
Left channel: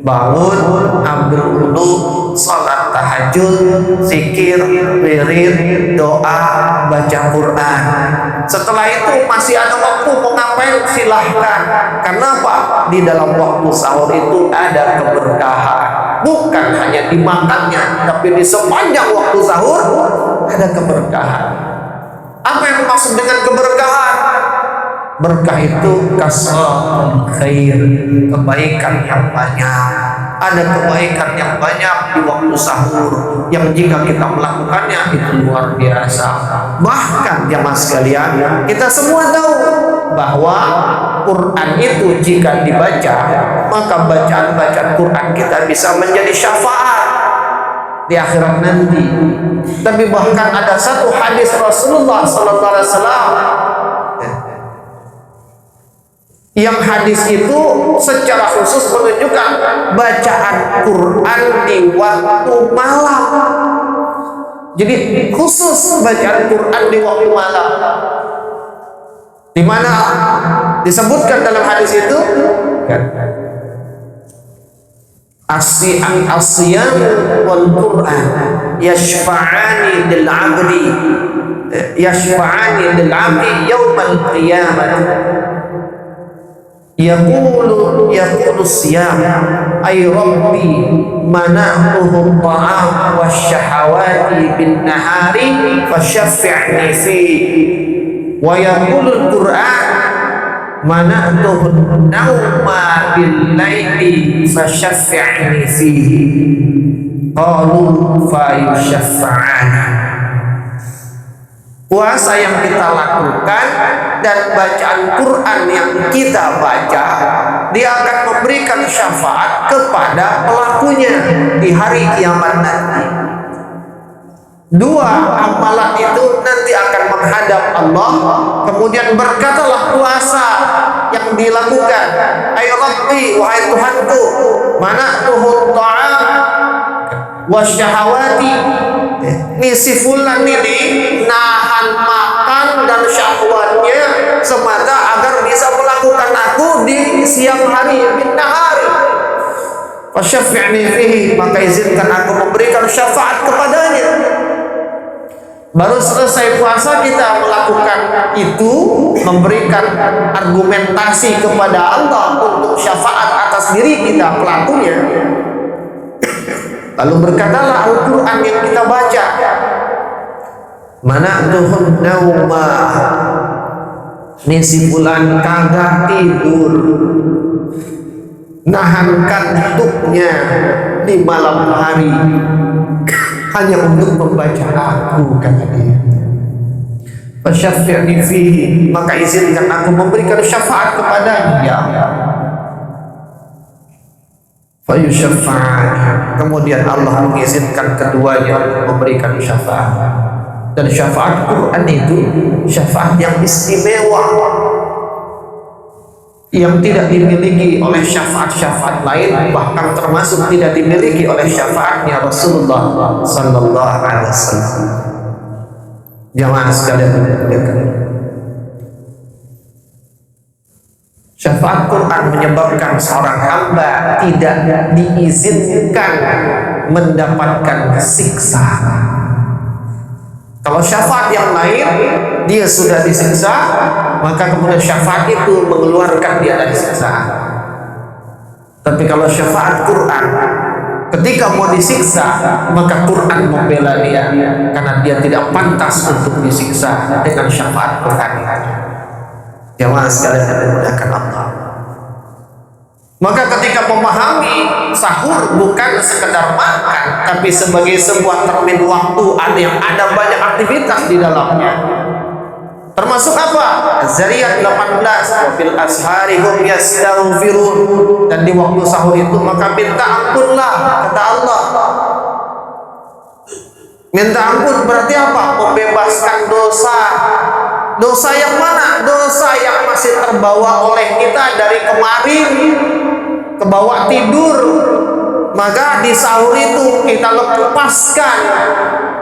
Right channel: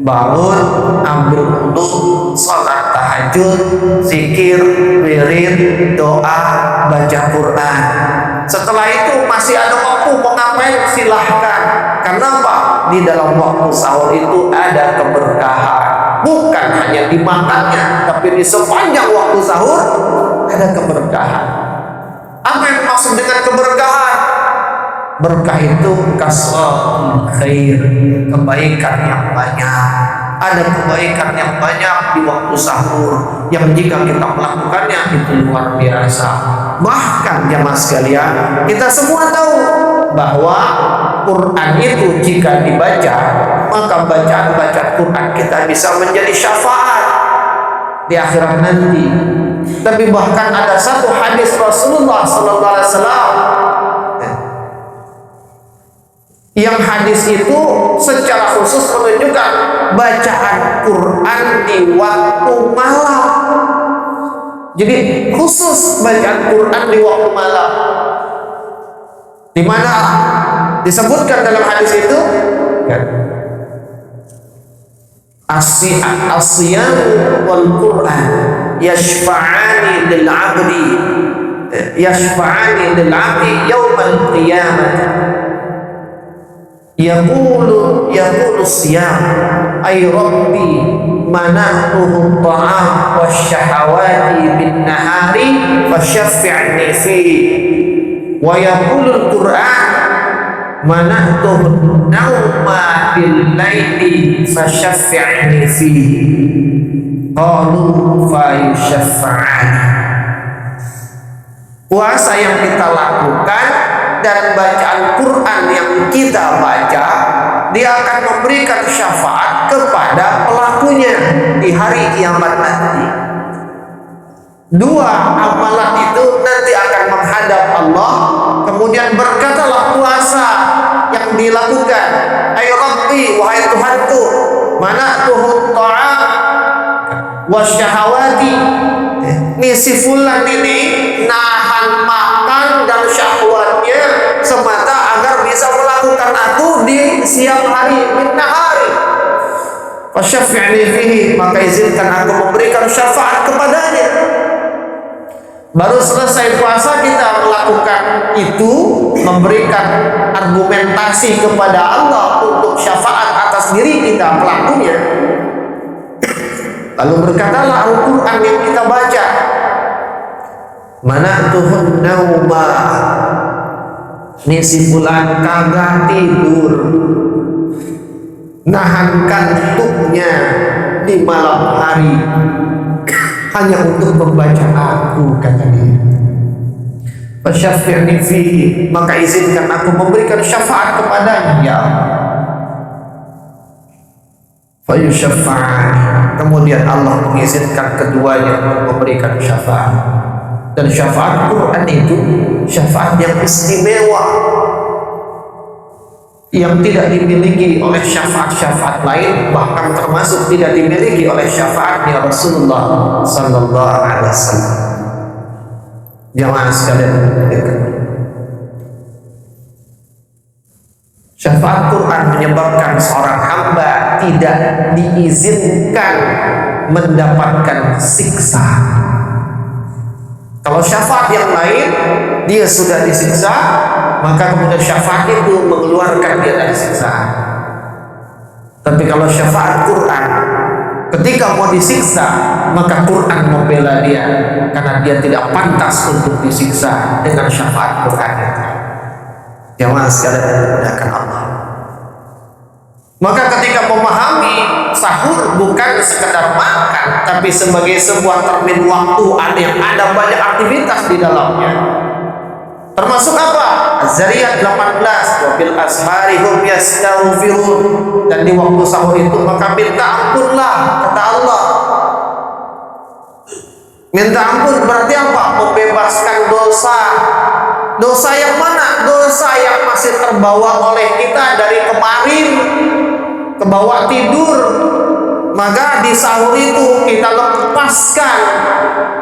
Bangun, ambil wudu, salat tahajud, zikir, wirid, doa, baca Quran. Setelah itu masih ada waktu mau ngapain, silahkan. Karena apa? Di dalam waktu sahur itu ada keberkahan. Bukan hanya dimakannya, tapi di sepanjang waktu sahur ada keberkahan. Apa yang maksud dengan keberkahan? Berkah itu kasratul khair, kebaikan yang banyak. Ada kebaikan yang banyak di waktu sahur yang jika kita melakukannya itu luar biasa. Bahkan jamaah sekalian, kita semua tahu bahwa Quran itu jika dibaca, maka bacaan-bacaan Quran kita bisa menjadi syafaat di akhirat nanti. Tapi bahkan ada satu hadis Rasulullah sallallahu alaihi wasallam yang hadis itu secara khusus menunjukkan bacaan Quran di waktu malam. Jadi khusus bacaan Quran di waktu malam. Di mana disebutkan dalam hadis itu kan, as-siyam wal Quran yashfa'ani lil 'abdi yaumal qiyamah. Yaqulu siyam ay rabbi mana'tuhu ta'am wasyahawati bin nahari fashaffi'ni fi. Wa yaqulu al-Qur'an mana'tuhu nauma bil laili fashaffi'ni fihi. Qalu fa yushaffa'ani. Puasa yang kita lakukan dan bacaan Quran yang kita baca, dia akan memberikan syafaat kepada pelakunya di hari kiamat nanti. Dua amalan itu nanti akan menghadap Allah, kemudian berkatalah puasa yang dilakukan, ay Rabbi, wahai Tuhanku, mana'tuhu ta'am wasyahawati. Ini si fulan ini nahan makan dan syahwatnya semata agar bisa melakukan aku di siang hari, bin nahari. Fasyafi'ni fihi, maka izinkan aku memberikan syafaat kepadanya. Baru selesai puasa kita melakukan itu, memberikan argumentasi kepada Allah untuk syafaat atas diri kita pelakunya. Lalu berkatalah Al-Quran yang kita baca, mana'tuhun nauma, ini si fulan kagak tidur, nahan kantuknya di malam hari hanya untuk membaca aku, kata dia. Fasyafi'ni fihi, maka izinkan aku memberikan syafaat kepadanya, ya Allah. Fayusyafa'ani, kemudian Allah mengizinkan keduanya untuk memberikan syafaat. Dan syafaat Quran itu syafaat yang istimewa, yang tidak dimiliki oleh syafaat-syafaat lain, bahkan termasuk tidak dimiliki oleh syafaatnya Rasulullah sallallahu alaihi wasallam. Jamaah sekalian dimuliakan, syafaat Quran menyebabkan seorang hamba tidak diizinkan mendapatkan siksa. Kalau syafaat yang lain dia sudah disiksa, maka kemudian syafaat itu mengeluarkan dia dari siksaan. Tapi kalau syafaat Quran, ketika mau disiksa, maka Quran membela dia karena dia tidak pantas untuk disiksa dengan syafaat Quran itu. Jamaah sekalian yang dimudahkan Allah. Maka ketika memahami sahur bukan sekedar makan, tapi sebagai sebuah termin waktu yang ada banyak aktivitas di dalamnya. Termasuk apa? Az-Zariyat 18, wa bil ashari hum yastaghfirun. Dan di waktu sahur itu maka minta ampunlah, kata Allah. Minta ampun berarti apa? Membebaskan dosa. Dosa yang mana? Dosa yang masih terbawa oleh kita dari kemarin, kebawa tidur. Maka di sahur itu kita lepaskan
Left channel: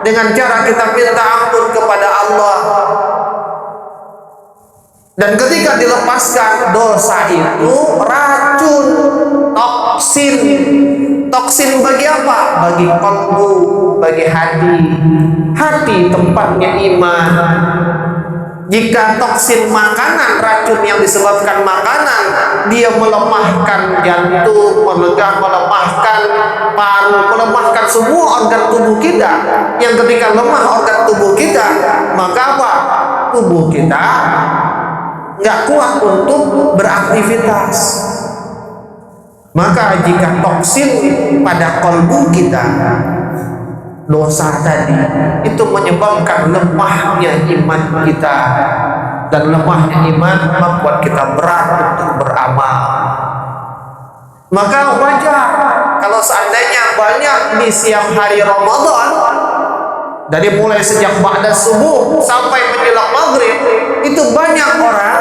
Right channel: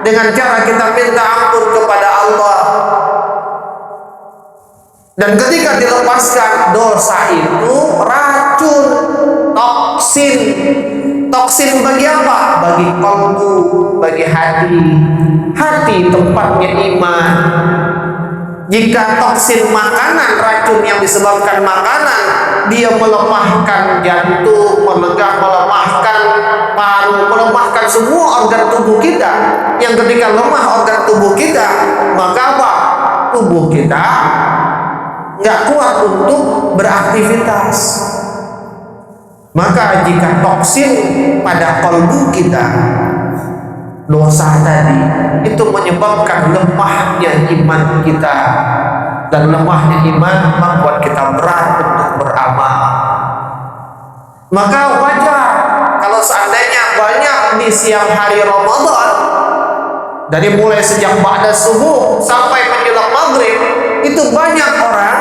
dengan cara kita minta ampun kepada Allah. Dan ketika dilepaskan, dosa itu racun, toksin. Toksin bagi apa? Bagi kalbu, bagi hati. Hati tempatnya iman. Jika toksin makanan, racun yang disebabkan makanan, dia melemahkan jantung, melemahkan paru, melemahkan semua organ tubuh kita. Yang ketika lemah organ tubuh kita, maka apa? Tubuh kita nggak kuat untuk beraktivitas. Maka jika toksin pada kalbu kita, dosa tadi itu menyebabkan lemahnya iman kita, dan lemahnya iman membuat kita berat untuk beramal. Maka wajar kalau seandainya banyak di siang hari Ramadan, dari mulai sejak ba'da subuh sampai menjelang maghrib, itu banyak orang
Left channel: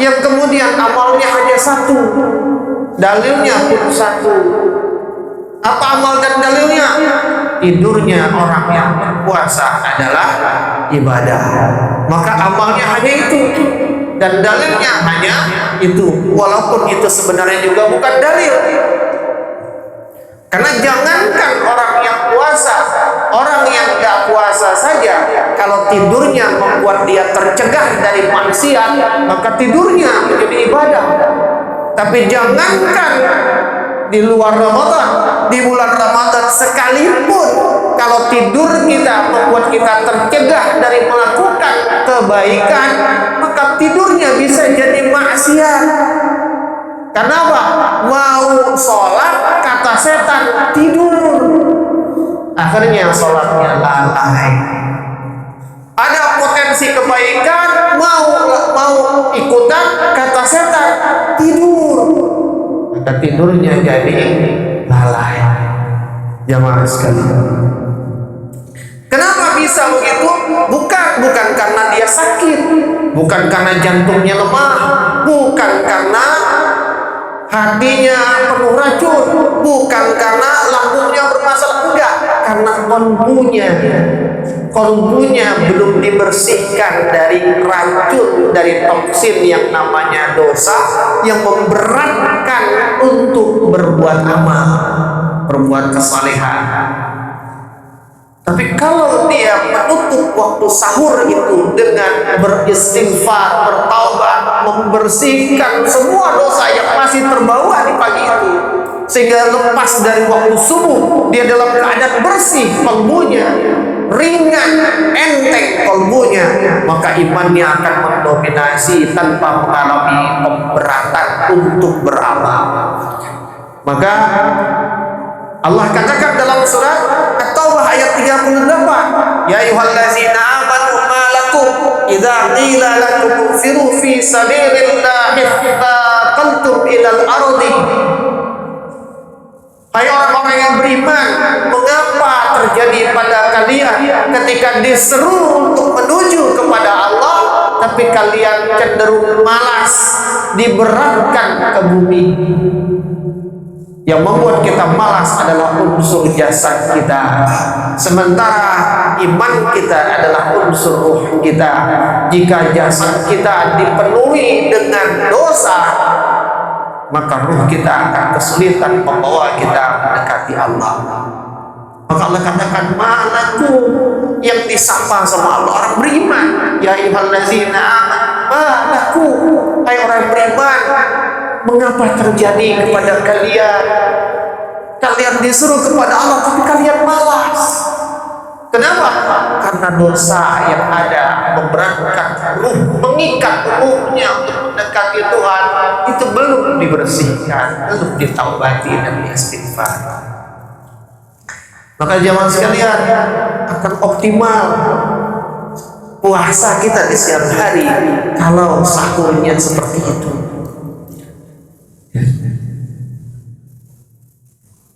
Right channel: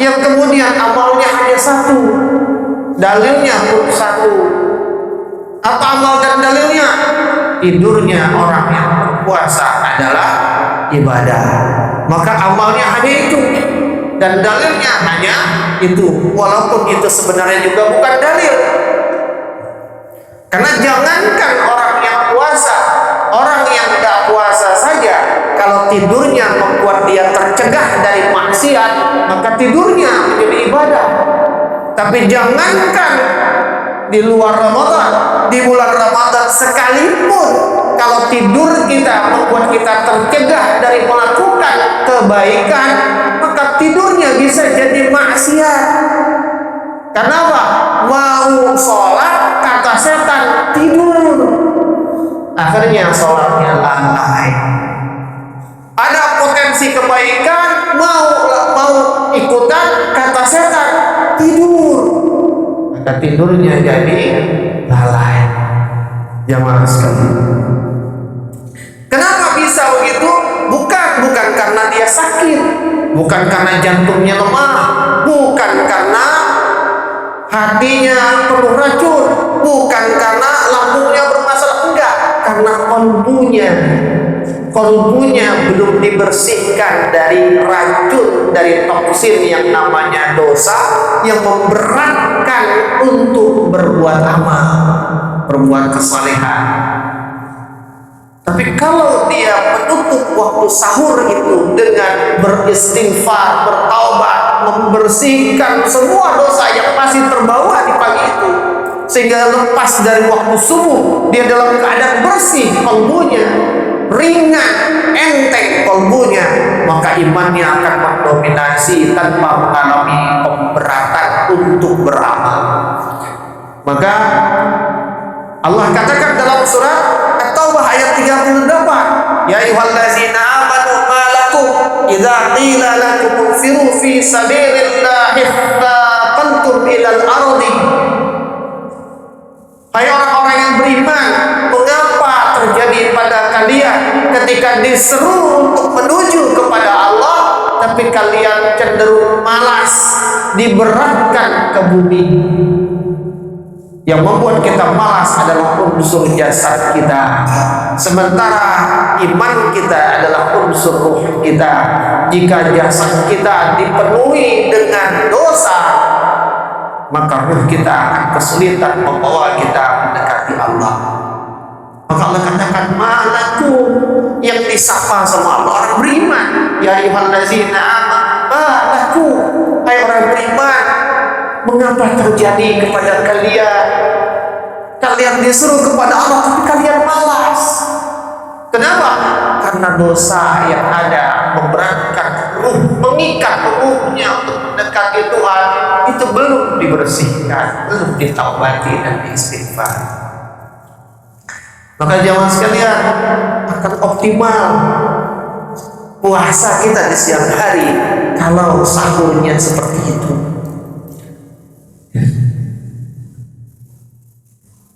yang kemudian amalnya hanya satu, dalilnya pun satu. Apa amal dan dalilnya? Tidurnya orang yang berpuasa adalah ibadah, maka amalnya hanya itu dan dalilnya hanya itu, walaupun itu sebenarnya juga bukan dalil. Karena jangankan orang yang puasa, orang yang tidak puasa saja, kalau tidurnya membuat dia tercegah dari maksiat, maka tidurnya menjadi ibadah. Tapi jangankan di luar Ramadan, di bulan Ramadan sekalipun, kalau tidur kita membuat kita tercegah dari melakukan kebaikan, maka tidurnya bisa jadi maksiat. Kenapa? Mau sholat, kata setan, tidur. Akhirnya sholatnya lalai. Ada potensi kebaikan, mau ikutan, kata setan, tidur. Maka tidurnya jadi lalai. Jamaah sekalian, kenapa bisa begitu? Bukan karena dia sakit, bukan karena jantungnya lemah, bukan karena hatinya penuh racun, bukan karena lambungnya bermasalah, enggak, karena kolbunya belum dibersihkan dari racun, dari toksin yang namanya dosa, yang memberatkan untuk berbuat amal, berbuat kesalehan. Tapi kalau dia menutup waktu sahur itu dengan beristighfar, bertaubat, membersihkan semua dosa yang masih terbawa di pagi itu, sehingga lepas dari waktu subuh dia dalam keadaan bersih kalbunya, ringan, enteng kalbunya, maka imannya akan mendominasi tanpa mengalami pemberatan untuk beramal. Maka Allah katakan dalam surat At-Taubah ayat 38, ya ayyuhallazina amanu ma lakum idza qila lakum infiru fi sabilillahi thaqaltum ilal ardi. Hai orang-orang yang beriman, mengapa terjadi pada kalian ketika diseru untuk menuju kepada Allah, tapi kalian cenderung malas, diberatkan ke bumi? Yang membuat kita malas adalah unsur jasad kita, sementara iman kita adalah unsur ruh kita. Jika jasad kita dipenuhi dengan dosa, maka ruh kita akan kesulitan membawa kita mendekati Allah. Maka Allah katakan, malaku, yang disapa sama Allah orang beriman, ya ayyuhallazina amanu malaku, hai orang beriman, mengapa terjadi kepada kalian? Kalian disuruh kepada Allah tapi kalian malas. Kenapa? Karena dosa yang ada memberatkan ruh, mengikat ruhnya untuk mendekati Tuhan, itu belum dibersihkan, belum ditaubati dan diistighfar. Maka jamaah sekalian, akan optimal puasa kita di siang hari kalau sahurnya seperti itu.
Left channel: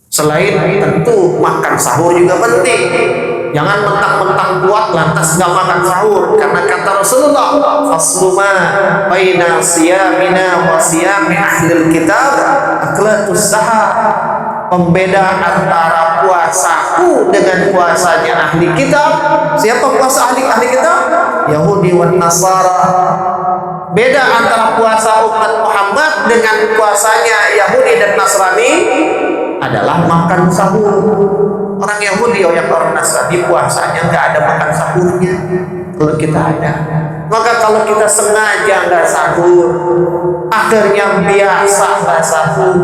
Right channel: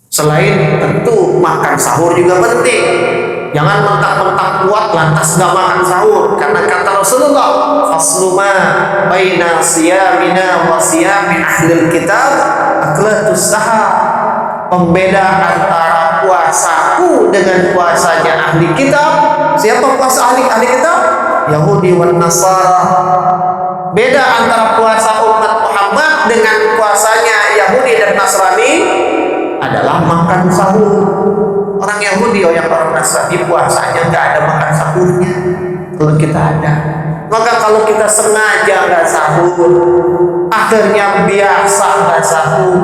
Selain tentu makan sahur juga penting, Jangan mentang-mentang kuat lantas nggak makan sahur, karena kata Rasulullah, fasluma baina siyamina wa siyami ahlil kitab aklatus sahar. Pembeda antara puasaku dengan puasanya ahli kitab. Siapa puasa ahli kitab? Yahudi wan Nasara. Beda antara puasa umat Muhammad dengan puasanya Yahudi dan Nasrani adalah makan sahur. Orang Yahudi yang orang Nasrani puasanya nggak ada makan sahurnya. Kalau kita ada, maka kalau kita sengaja nggak sahur, akhirnya biasa nggak sahur,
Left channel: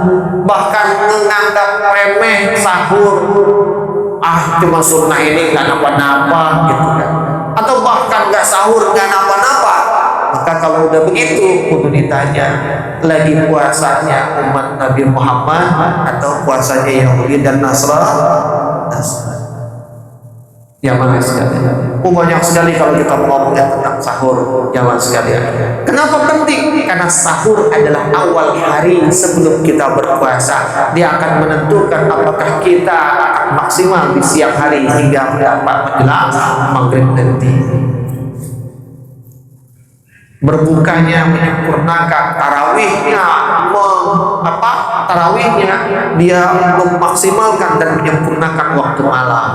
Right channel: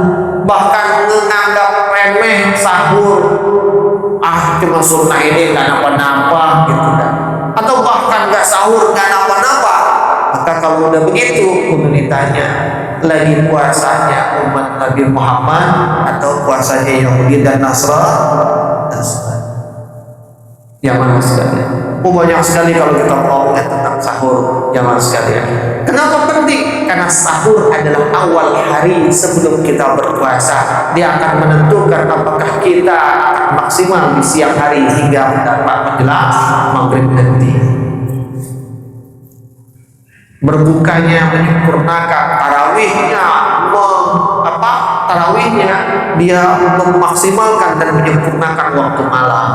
bahkan menganggap remeh sahur, cuma sunnah ini nggak napa-napa gitu kan, atau bahkan nggak sahur nggak napa-napa, maka kalau udah begitu kudu ditanya lagi puasanya umat Nabi Muhammad atau puasanya Yahudi dan Nasrani. Ya mana sekalian, banyak sekali kalau kita ngomongin tentang sahur, jamaah sekalian. Kenapa penting? Karena sahur adalah awal hari sebelum kita berpuasa. Dia akan menentukan apakah kita akan maksimal di siang hari hingga mendapat menjelang maghrib nanti. Berbukanya menyempurnakan, tarawihnya tarawihnya dia memaksimalkan dan menyempurnakan waktu malam.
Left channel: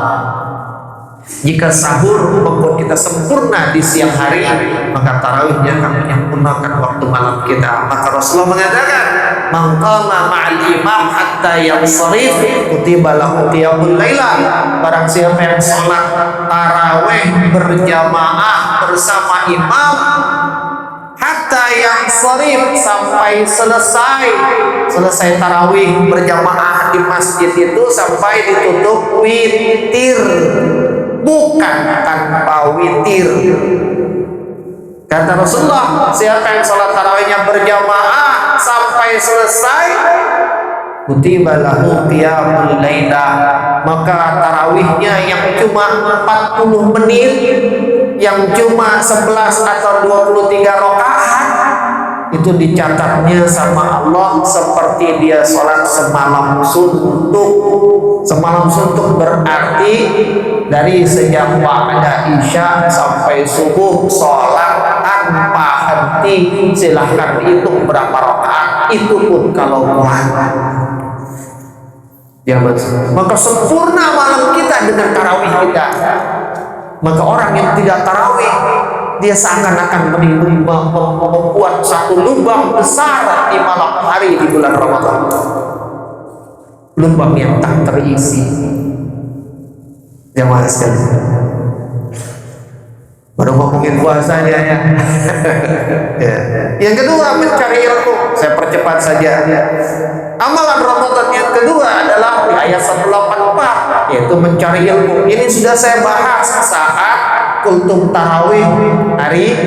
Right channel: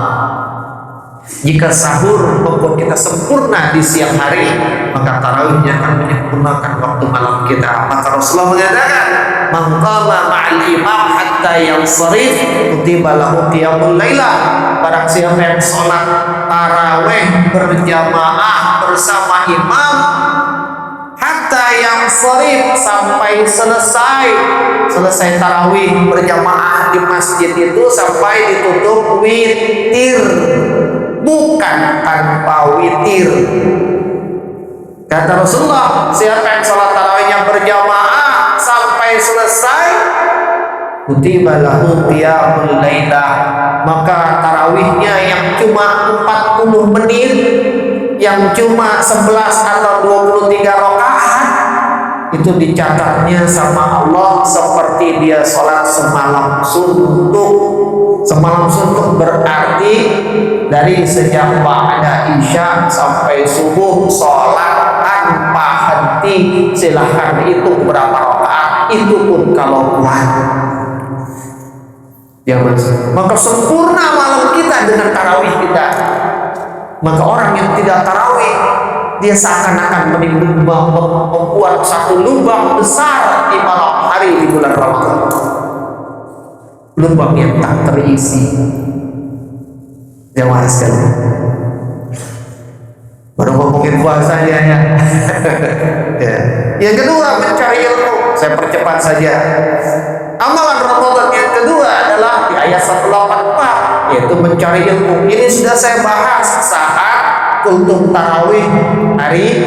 Jika sahur membuat kita sempurna di siang hari, maka tarawihnya akan menyempurnakan waktu malam kita. Maka Rasulullah mengatakan, man qama ma'al imam hatta yansharif kutiba lahu qiyamul lailah. Barang siapa yang sholat tarawih berjamaah bersama imam hatta yansharif, sampai selesai tarawih berjamaah di masjid itu sampai ditutup witir, bukan tanpa witir. Kata Rasulullah, siapa yang sholat tarawihnya berjamaah sampai selesai, kutiba lahu qiyamul lailah, maka tarawihnya yang cuma 40 menit, yang cuma 11 atau 23 rakaat, itu dicatatnya sama Allah seperti dia sholat semalam suntuk. Semalam suntuk berarti dari sejak ba'da isya sampai subuh sholat tanpa henti. Silahkan dihitung berapa rakaat, itu pun kalau kuat. Ya mas, maka sempurna malam kita dengan tarawih kita. Maka orang yang tidak tarawih, dia seakan-akan membuat satu lubang besar di malam hari di bulan Ramadan. Lubang yang tak terisi. Jamaah sekalian, baru ngomongin puasanya ya. Ya. Yang kedua, mencari ilmu. Saya percepat saja. Amalan Ramadan yang kedua adalah di ayat 184, yaitu mencari ilmu. Ini sudah saya bahas saat kultum tarawih hari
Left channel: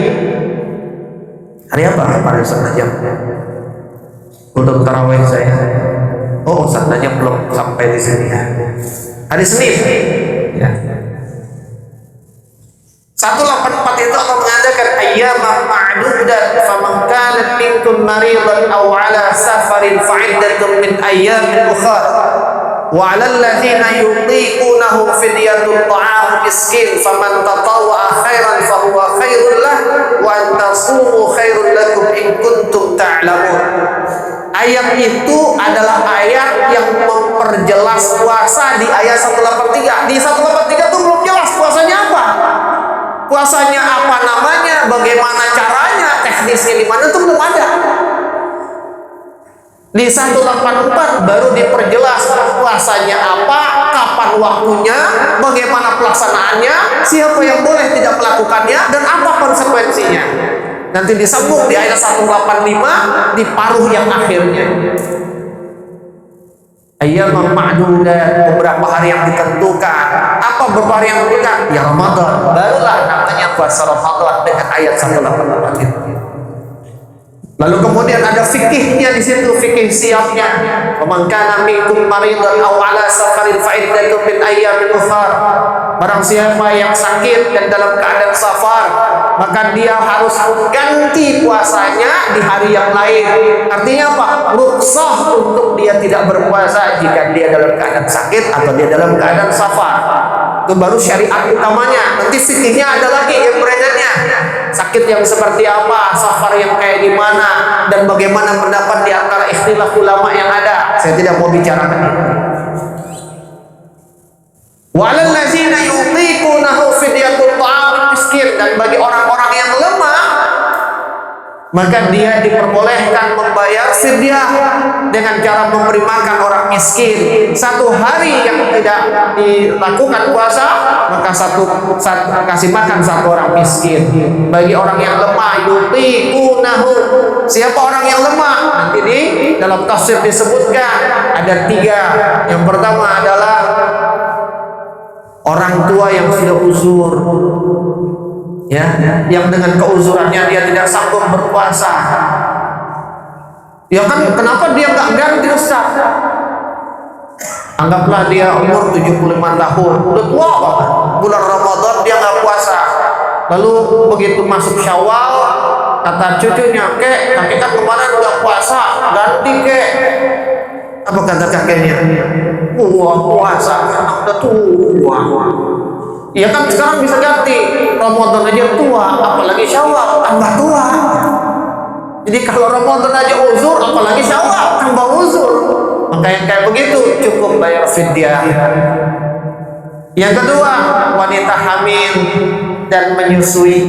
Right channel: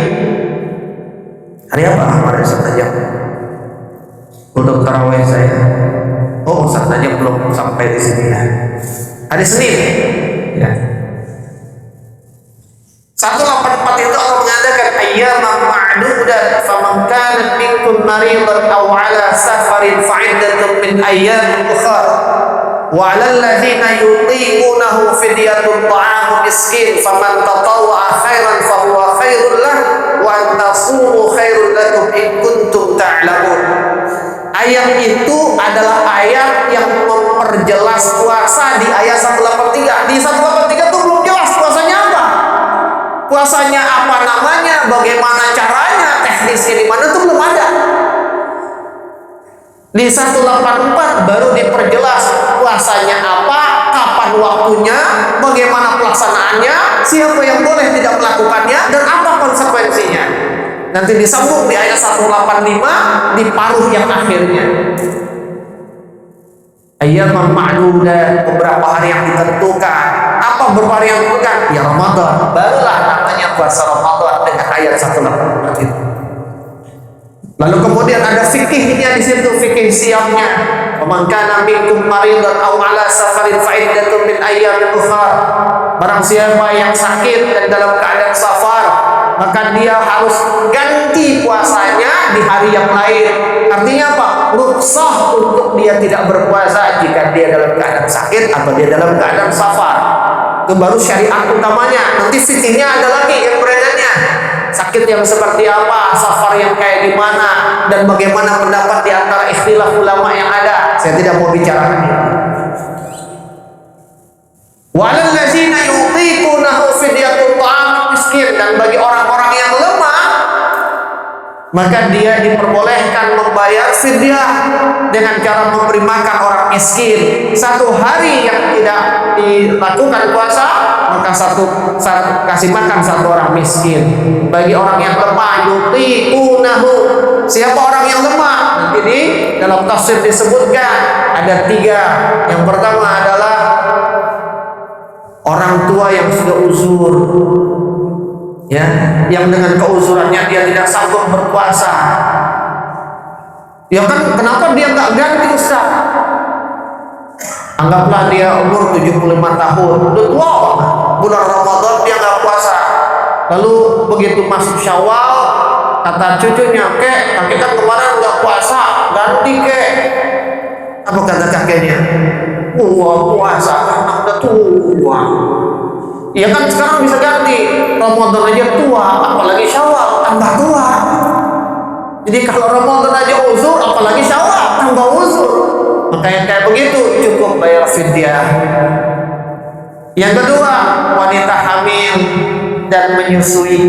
apa? Kemarin Ustaz Najam. Kultum tarawih saya. Oh, Ustaz Najam belum sampai di sini ya. Hari Senin. Ya. 184 itu Allah mengatakan ayyaman ma'dudat faman kana minkum maridan aw ala safarin fa'iddatun min ayyamin ukhra wa 'alal ladzina yutiqunahu fidyatun ta'amu miskin faman tatawwa'a khairan fahuwa khairul lah wa an tasumu khairul lakum in kuntum ta'lamun. Ayat itu adalah ayat yang memperjelas puasa di ayat 183. Di 183 itu belum jelas puasanya apa. Puasanya apa namanya, bagaimana caranya, teknisnya di mana itu belum ada. Di 184 baru diperjelas puasanya apa, kapan waktunya, bagaimana pelaksanaannya, siapa yang boleh tidak melakukannya, dan apa konsekuensinya. Nanti disambung di ayat 185 di paruh yang akhirnya. Ayyaman ma'dudat, beberapa hari yang ditentukan. Apa beberapa hari yang ditentukan? Ya Ramadan. Barulah namanya puasa Ramadan dengan ayat 184 itu. Lalu kemudian ada fikihnya di situ, fikih siapnya. Faman kana minkum maridan aw ala safarin fa iddatun min ayyamin ukhra. Barang siapa yang sakit dan dalam keadaan safar, maka dia harus ganti puasanya di hari yang lain. Artinya apa? Rukhsah untuk dia tidak berpuasa jika dia dalam keadaan sakit atau dia dalam keadaan safar. Itu baru syariat utamanya. Nanti fikihnya ada lagi yang berenangnya. Sakit yang seperti apa, safar yang kayak gimana, dan bagaimana pendapat di antara ikhtilaf ulama yang ada. Saya tidak mau bicarakan itu. Walal ladzina yutiqunahu fidyatun ta'amul miskin, dan bagi orang-orang yang lemah maka dia diperbolehkan membayar fidyah dengan cara memberi makan orang miskin. Satu hari yang tidak dilakukan puasa, maka kasih makan satu orang miskin. Bagi orang yang lemah, yutiqunahu. Siapa orang yang lemah? Nanti di dalam tafsir disebutkan ada 3. Yang pertama adalah orang tua yang sudah uzur, ya, yang dengan keuzurannya dia tidak sanggup berpuasa. Ya kan, kenapa dia nggak ganti Ustaz? Anggaplah dia umur 75 tahun, udah tua banget. Bulan Ramadan dia nggak puasa. Lalu begitu masuk Syawal, kata cucunya, "Kek, kakek kan kemarin nggak puasa, ganti kek." Apa kata kakeknya? "Wah, puasa karena udah tua." Ya kan, sekarang bisa ganti. Ramadan aja tua, apalagi Syawal tambah tua. Jadi kalau Ramadan aja uzur, apalagi Syawal tambah uzur. Maka yang kayak begitu cukup bayar fidyah. Yang kedua, wanita hamil dan menyusui.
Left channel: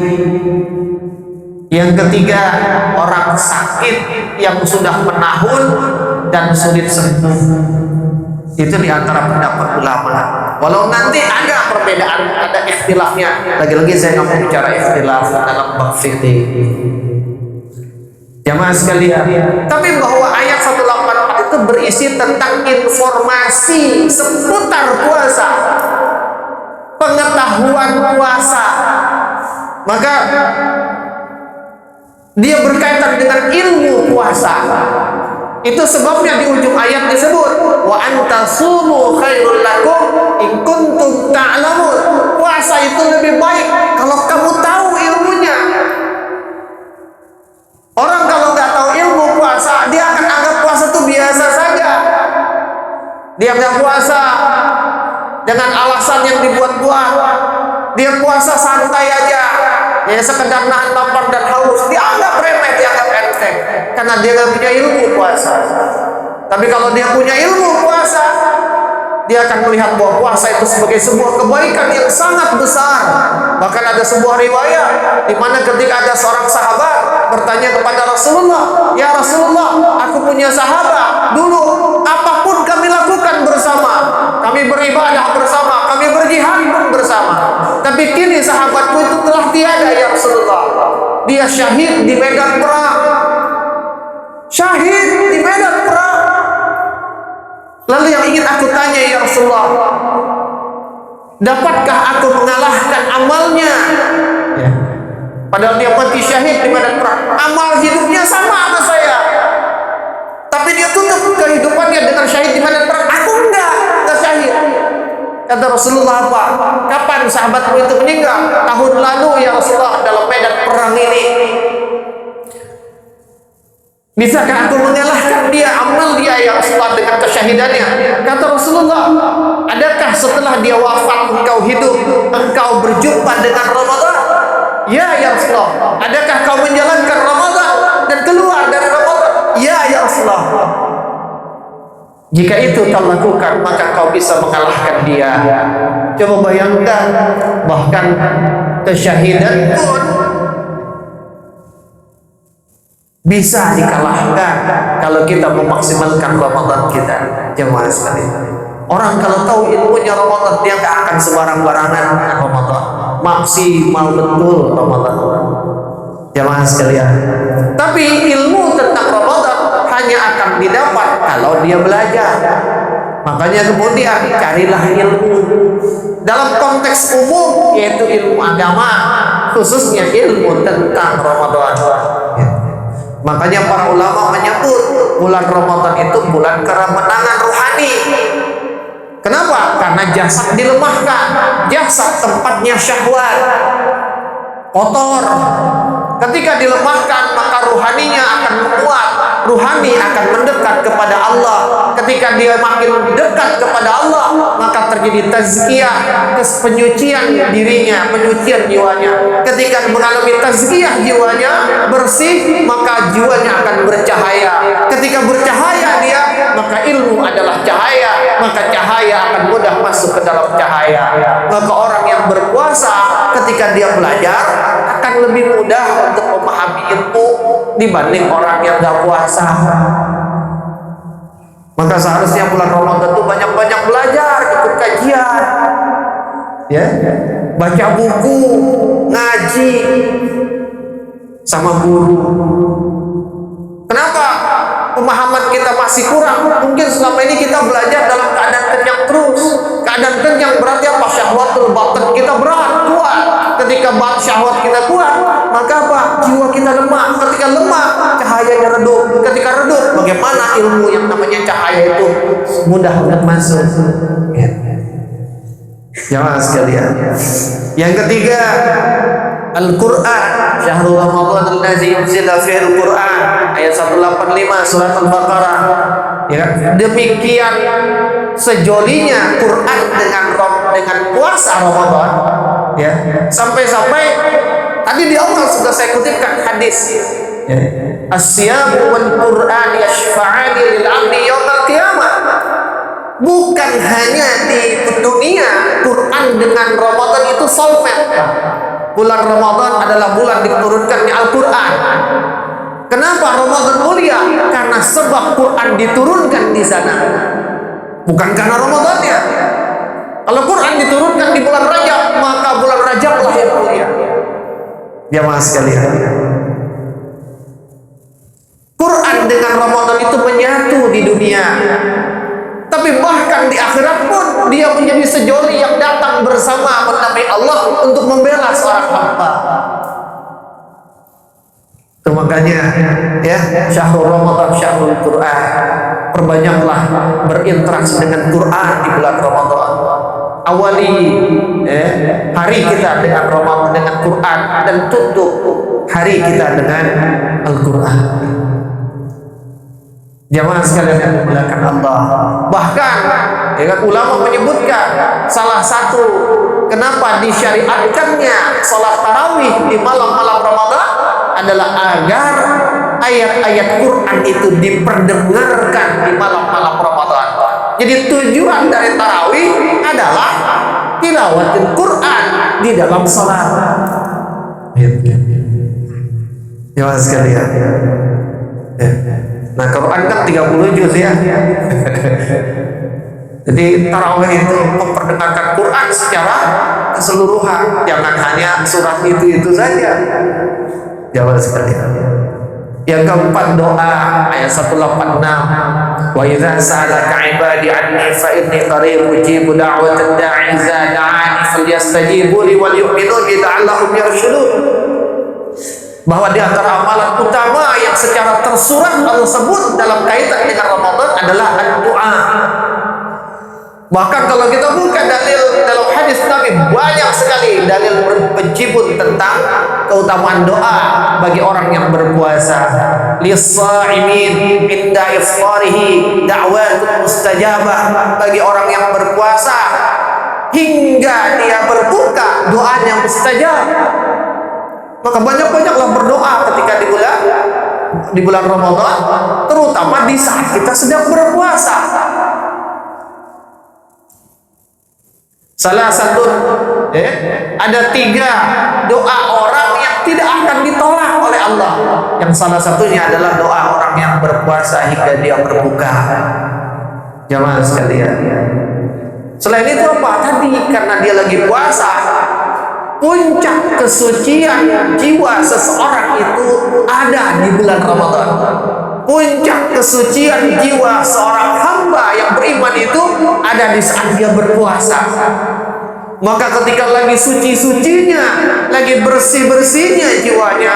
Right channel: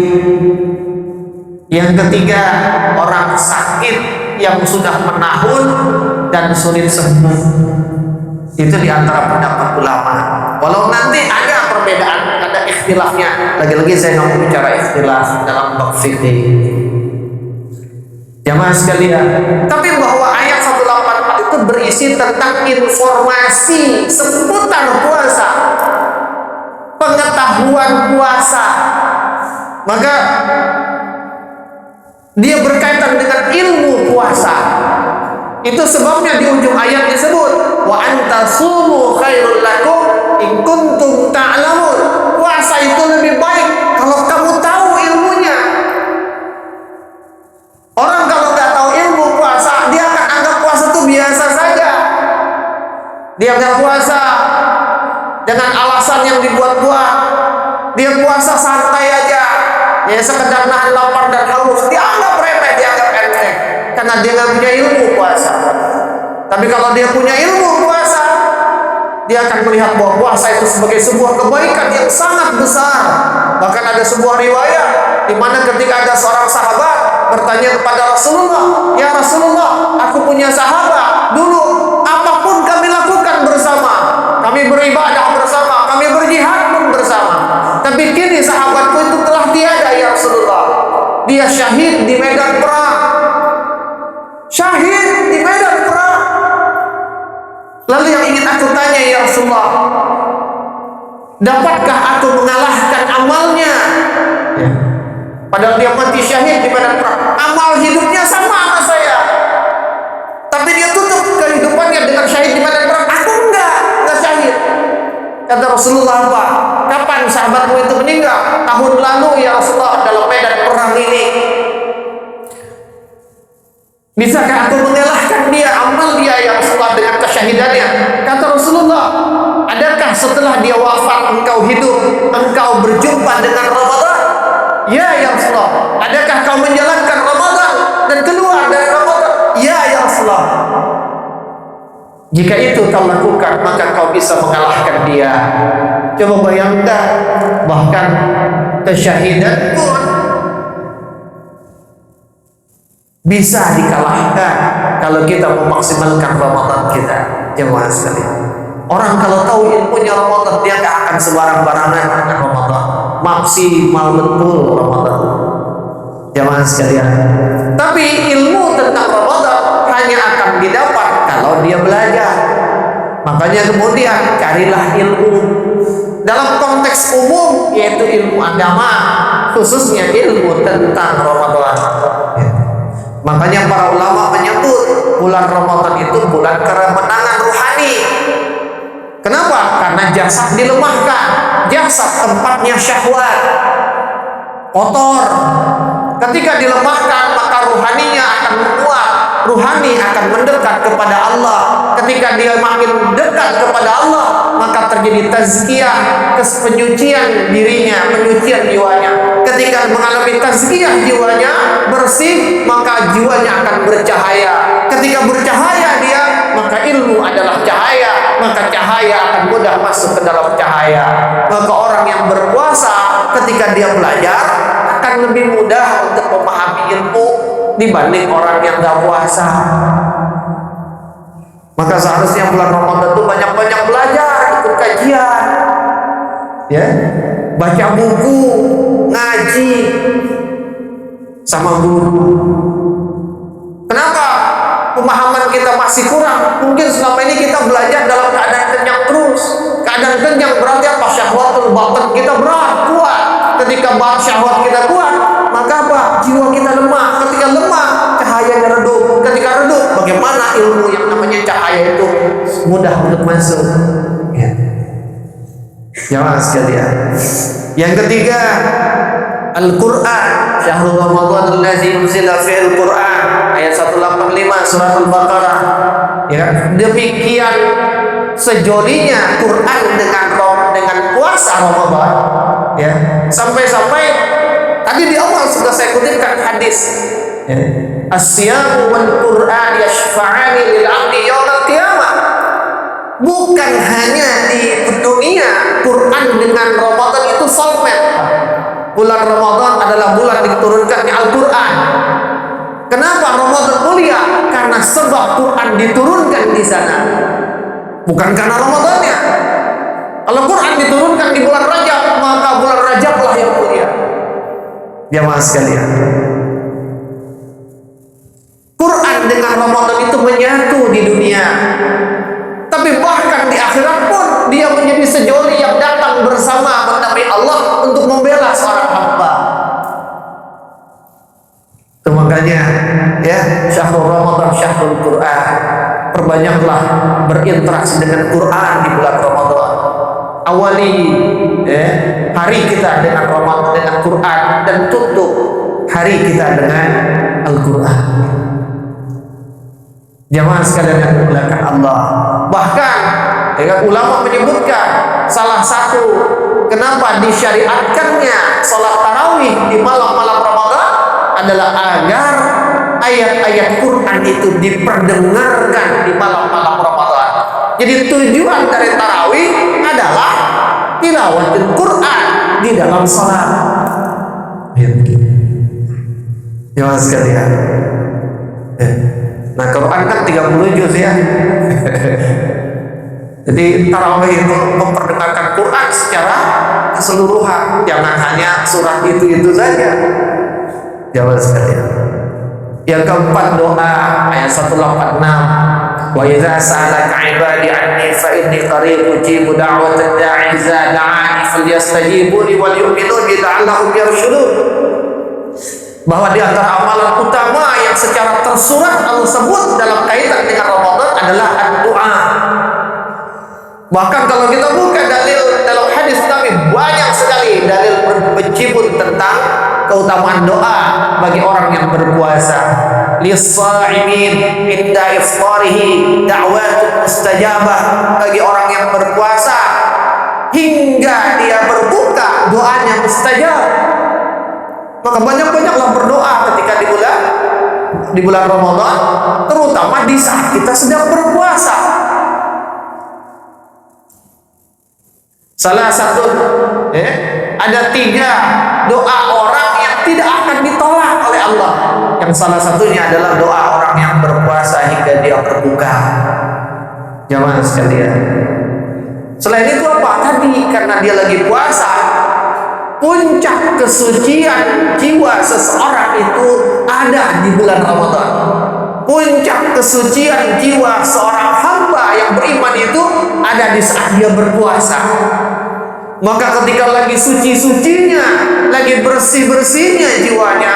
Yang ketiga, orang sakit yang sudah menahun dan sulit sembuh. Itu diantara pendapat ulama. Walau nanti ada perbedaan, ada ikhtilafnya. Lagi-lagi saya nggak mau bicara ikhtilaf dalam bab fikih. Jamaah sekalian, tapi bahwa ayat 184 itu berisi tentang informasi seputar puasa, pengetahuan puasa. Maka dia berkaitan dengan ilmu puasa. Itu sebabnya di ujung ayat disebut wa antasumu khairul lakum in kuntum ta'lamun. Puasa itu lebih baik kalau kamu tahu ilmunya. Orang kalau nggak tahu ilmu puasa, dia akan anggap puasa itu biasa saja. Dia nggak puasa dengan alasan yang dibuat-buat. Dia puasa santai aja, ya sekedar nahan lapar dan haus. Dianggap remeh, dianggap enteng, karena dia nggak punya ilmu puasa. Tapi kalau dia punya ilmu puasa, dia akan melihat bahwa puasa itu sebagai sebuah kebaikan yang sangat besar. Bahkan ada sebuah riwayat di mana ketika ada seorang sahabat bertanya kepada Rasulullah, "Ya Rasulullah, aku punya sahabat. Dulu apapun kami lakukan bersama, kami beribadah bersama, kami berjihad pun bersama. Tapi kini sahabatku itu telah tiada ya Rasulullah. Dia syahid di medan perang." Syahid di medan perang. Lalu yang ingin aku tanya ya Rasulullah, dapatkah aku mengalahkan amalnya? Ya. Padahal dia mati syahid di medan perang. Amal hidupnya sama saya, tapi dia tutup kehidupannya dengan syahid di medan perang. Aku enggak syahid. Kata Rasulullah, apa? Kapan sahabatmu itu meninggal? Tahun lalu ya Rasulullah, dalam medan perang ini. Bisakah aku mengalahkan dia, amal dia ya Rasulullah dengan kesyahidannya? Kata Rasulullah, adakah setelah dia wafat engkau hidup, engkau berjumpa dengan Ramadan? Ya Rasulullah. Adakah kau menjalankan Ramadan dan keluar dari Ramadan? Ya Rasulullah. Jika itu kau lakukan, maka kau bisa mengalahkan dia. Coba bayangkan, bahkan kesyahidan pun bisa dikalahkan kalau kita memaksimalkan Ramadan kita. Jemaah sekalian, orang kalau tahu ilmunya Ramadan, dia nggak akan sembarang-barangan dengan Ramadan. Maksimal betul Ramadan, jemaah sekalian. Tapi ilmu tentang Ramadan hanya akan didapat kalau dia belajar. Makanya kemudian carilah ilmu dalam konteks umum, yaitu ilmu agama, khususnya ilmu tentang Ramadan. Makanya para ulama menyebut bulan Ramadan itu bulan kemenangan rohani. Kenapa? Karena jasad dilemahkan. Jasad tempatnya syahwat, kotor. Ketika dilemahkan, maka rohaninya akan menguat. Rohani akan mendekat kepada Allah. Ketika dia makin dekat kepada Allah, maka terjadi tazkiyah, penyucian dirinya, penyucian jiwanya. Ketika mengalami tazkiyah jiwanya bersih, maka jiwanya akan bercahaya. Ketika bercahaya dia, maka ilmu adalah cahaya, maka cahaya akan mudah masuk ke dalam cahaya. Maka orang yang berpuasa ketika dia belajar akan lebih mudah untuk memahami ilmu dibanding orang yang gak puasa. Maka seharusnya bulan Ramadan itu banyak-banyak belajar, ikut kajian, ya, baca buku, ngaji sama guru. Kenapa pemahaman kita masih kurang? Mungkin selama ini kita belajar dalam keadaan kenyang terus. Keadaan kenyang berarti apa? Syahwatul batin kita berat, kuat. Ketika syahwat kita kuat, maka apa? Jiwa kita lemah. Ketika lemah, cahayanya redup. Ketika redup, bagaimana ilmu yang namanya cahaya itu mudah untuk masuk? Ya. Jamaah sekalian. Yang ketiga, Al-Quran. Syahrul Ramadan allazi unzila fihi Al-Quran. Ayat 185 surat Al-Baqarah. Ya, demikian sejolinya Quran dengan puasa Ramadan, ya, sampai-sampai tadi di awal sudah saya kutipkan hadis, ya, as-siyamu wal Quran yashfa'ani lil 'abdi yaumil qiyamah. Bukan hanya di dunia, Quran dengan Ramadan itu soulmate. Bulan Ramadan adalah bulan diturunkannya Al-Quran. Kenapa Ramadan mulia? Karena sebab Quran diturunkan di sana, bukan karena Ramadannya. Kalau Quran diturunkan di bulan Rajab, maka bulan Rajablah yang mulia. Jamaah sekalian, Quran dengan Ramadan itu menyatu di dunia. Tapi bahkan di akhirat pun dia menjadi sejoli yang datang bersama Nabi Allah untuk membela seorang hamba. Itu makanya, ya, Syahrul Ramadan, Syahrul Quran. Perbanyaklah berinteraksi dengan Quran di bulan Ramadan. Awali, ya, hari kita dengan Ramadan, dengan Quran, dan tutup hari kita dengan Al-Quran. Jamaah sekalian yang dimuliakan Allah. Bahkan, ya, ulama menyebutkan salah satu kenapa disyariatkannya salat tarawih di malam-malam Ramadan adalah agar ayat-ayat Quran itu diperdengarkan di malam-malam Ramadan. Jadi tujuan dari tarawih adalah tilawatil Quran di dalam salat. Jamaah sekalian. Nah, Quran kan 30 juz, ya. Jadi tarawih itu memperdengarkan Quran secara keseluruhan, jangan hanya surat itu saja. Jamaah sekalian. Yang keempat, doa, ayat 186. Wa idza sa'alaka 'ibadi 'anni fa inni qarib ujibu da'watad da'i idza da'ani falyastajibu li wal yu'minu bi la'allahum yarshudun. Bahwa di antara amalan utama yang secara tersurat Allah sebut dalam kaitan dengan Ramadan adalah doa. Bahkan kalau kita buka dalil dalam hadis Nabi, banyak sekali dalil berjibun tentang keutamaan doa bagi orang yang berpuasa. Lis-sha'imin inda iftarihi da'watun mustajabah. Bagi orang yang berpuasa hingga dia berbuka, doanya mustajab. Maka banyak-banyaklah berdoa ketika di bulan Ramadan, terutama di saat kita sedang berpuasa. Salah satu, ada 3 doa orang yang tidak akan ditolak oleh Allah. Yang salah satunya adalah doa orang yang berpuasa hingga dia berbuka. Jamaah sekalian. Selain itu apa? Tadi karena dia lagi puasa, puncak kesucian jiwa seseorang itu ada di bulan Ramadan. Puncak kesucian jiwa seorang hamba yang beriman itu ada di saat dia berpuasa. Maka ketika lagi suci-sucinya, lagi bersih-bersihnya jiwanya,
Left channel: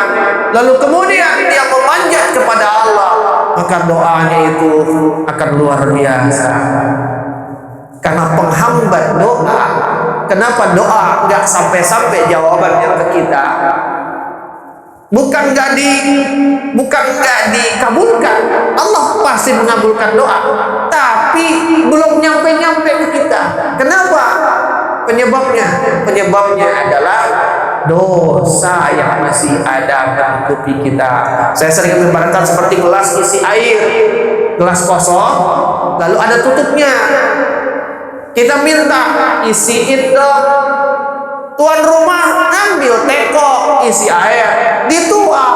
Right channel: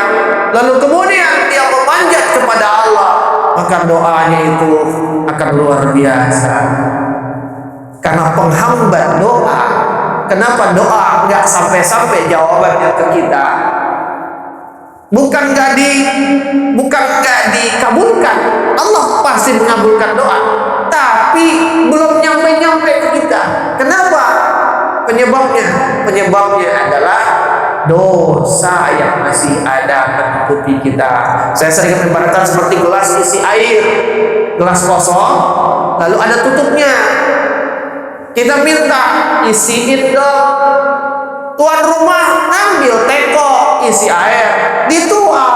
lalu kemudian dia memanjat kepada Allah, maka doanya itu akan luar biasa. Karena penghambat doa. Kenapa doa nggak sampai-sampai jawabannya ke kita? Bukan nggak dikabulkan, Allah pasti mengabulkan doa. tapi belum nyampe-nyampe ke kita. Kenapa? Penyebabnya adalah dosa yang masih ada menutupi kita. Saya sering membayangkan seperti gelas isi air, gelas kosong, lalu ada tutupnya. Kita minta isiin dong. Tuan rumah ngambil teko isi air, dituang,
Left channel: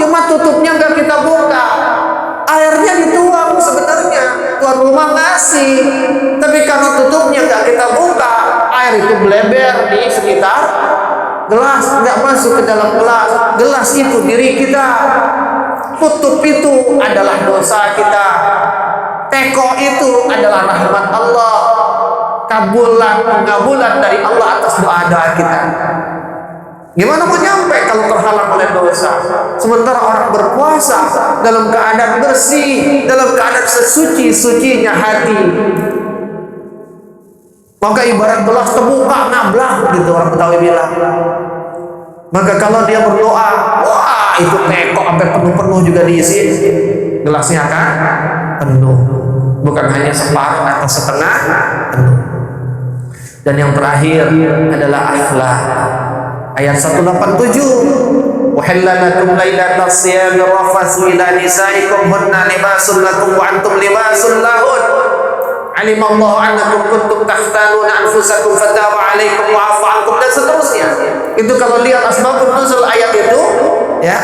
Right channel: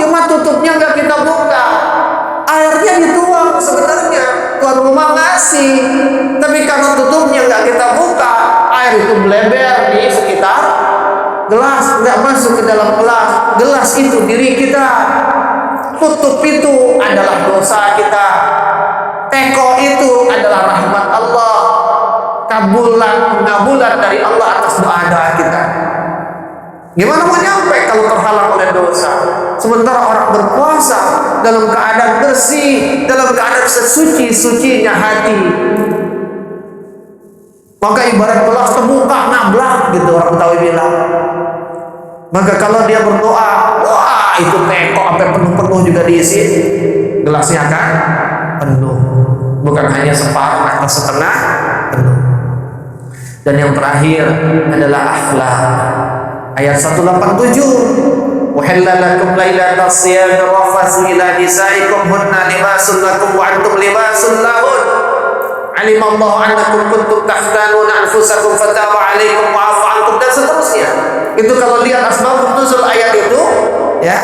cuma tutupnya nggak kita buka. Airnya dituang sebenarnya, tuan rumah ngasih, tapi karena tutupnya nggak kita buka, air itu bleber di sekitar gelas, nggak masuk ke dalam gelas. Gelas itu diri kita, tutup itu adalah dosa kita, teko itu adalah rahmat Allah, pengabulan dari Allah atas doa-doa kita. Gimana mau nyampe kalau terhalang oleh dosa? Sementara orang berpuasa dalam keadaan bersih, dalam keadaan sesuci-sucinya hati. Maka ibarat gelas terbuka nablak gitu orang Betawi bilang. Maka kalau dia berdoa, wah itu teko sampai penuh-penuh juga diisi, gelasnya akan penuh. Bukan hanya separuh atau setengah penuh. Dan yang terakhir adalah akhlak. Ayat 187, "Wahalla lakum lailatas siyami rafatsu ila nisaikum hunna libasun lakum wa antum libasun lahun. Alimallahu annakum kuntum takhtanuna anfusakum fataba 'alaikum wa 'afa 'ankum," dan seterusnya. Itu kalau lihat asbabun nuzul ayat itu, ya,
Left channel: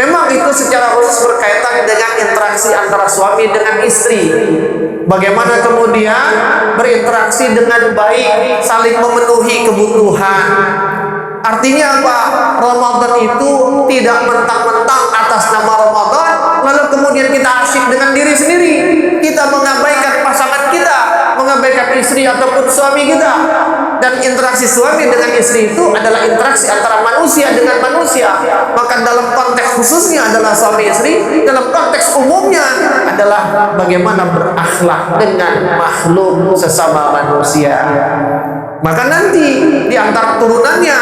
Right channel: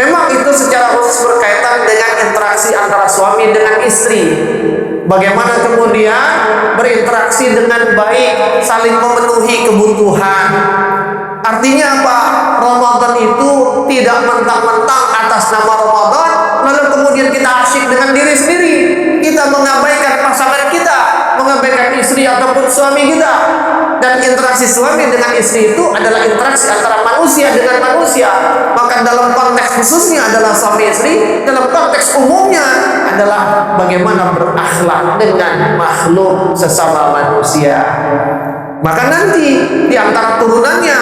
memang itu secara khusus berkaitan dengan interaksi antara suami dengan istri. Bagaimana kemudian berinteraksi dengan baik, saling memenuhi kebutuhan. Artinya apa? Ramadan itu tidak mentang-mentang atas nama Ramadan lalu kemudian kita asyik dengan diri sendiri. Kita mengabaikan pasangan kita, mengabaikan istri ataupun suami kita. Dan interaksi suami dengan istri itu adalah interaksi antara manusia dengan manusia. Maka dalam konteks khususnya adalah suami istri, dalam konteks umumnya adalah bagaimana berakhlak dengan makhluk sesama manusia. Maka nanti di antara turunannya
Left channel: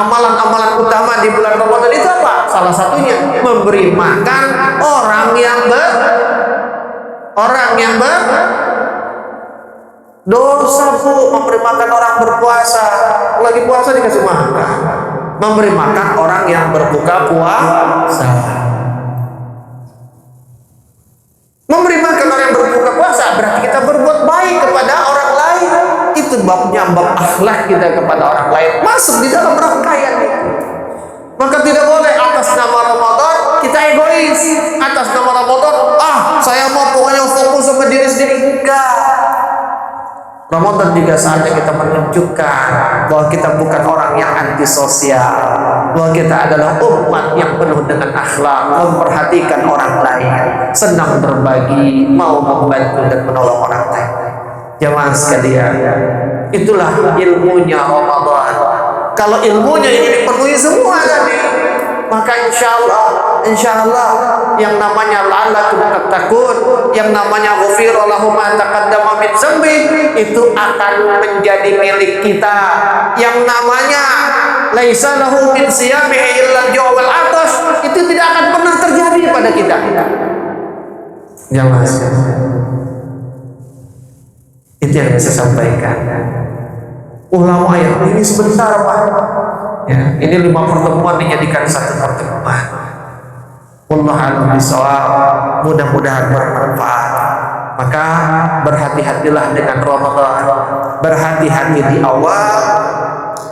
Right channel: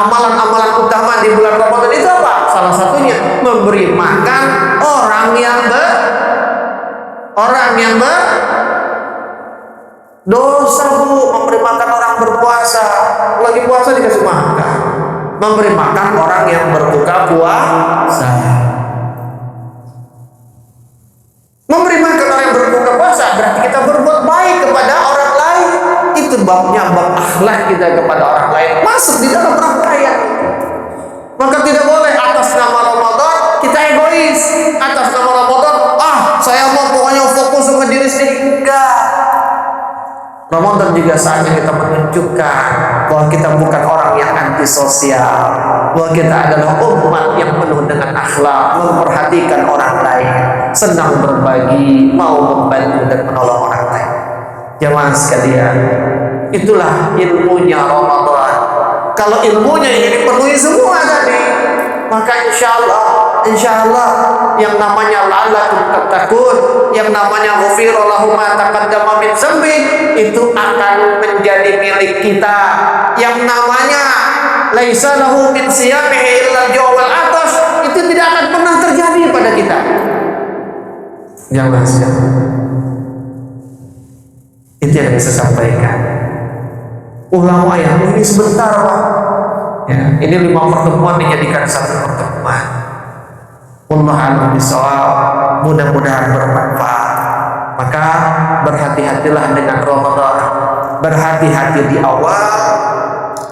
amalan-amalan utama di bulan Ramadan itu apa? Salah satunya memberi makan orang yang dosa, Bu. Memberi makan orang berpuasa, lagi puasa dikasih makan. Memberi makan orang yang berbuka puasa. Memberi makan orang yang berbuka puasa berarti kita berbuat baik kepada orang lain. Itu babnya bab akhlak kita kepada orang lain, masuk di dalam rangkaian itu. Maka tidak boleh atas nama Ramadan kita egois. Atas nama Ramadan, saya mau pokoknya fokus sama diri sendiri. Enggak. Ramadan juga saatnya kita menunjukkan bahwa kita bukan orang yang antisosial, bahwa kita adalah umat yang penuh dengan akhlak, memperhatikan orang lain, senang berbagi, mau membantu dan menolong orang lain. Jamaah sekalian, itulah ilmunya Ramadan. Kalau ilmunya ini dipenuhi semua tadi, maka insya Allah yang namanya la'allakum tattaqun, yang namanya ghufira lahum ma taqaddama min dzambi, itu akan menjadi milik kita. Yang namanya laisa lahu min siyamihi illa al-ju' wal 'atash, itu tidak akan pernah terjadi pada kita. Jangan itu yang bisa sampaikan. Ulama yang ini sebentar, Pak. Ya, ini 5 pertemuan dijadikan 1 pertemuan. Wallahu a'lam bishawab. Mudah-mudahan bermanfaat. Maka berhati-hatilah dengan Ramadan. Berhati-hati di awal.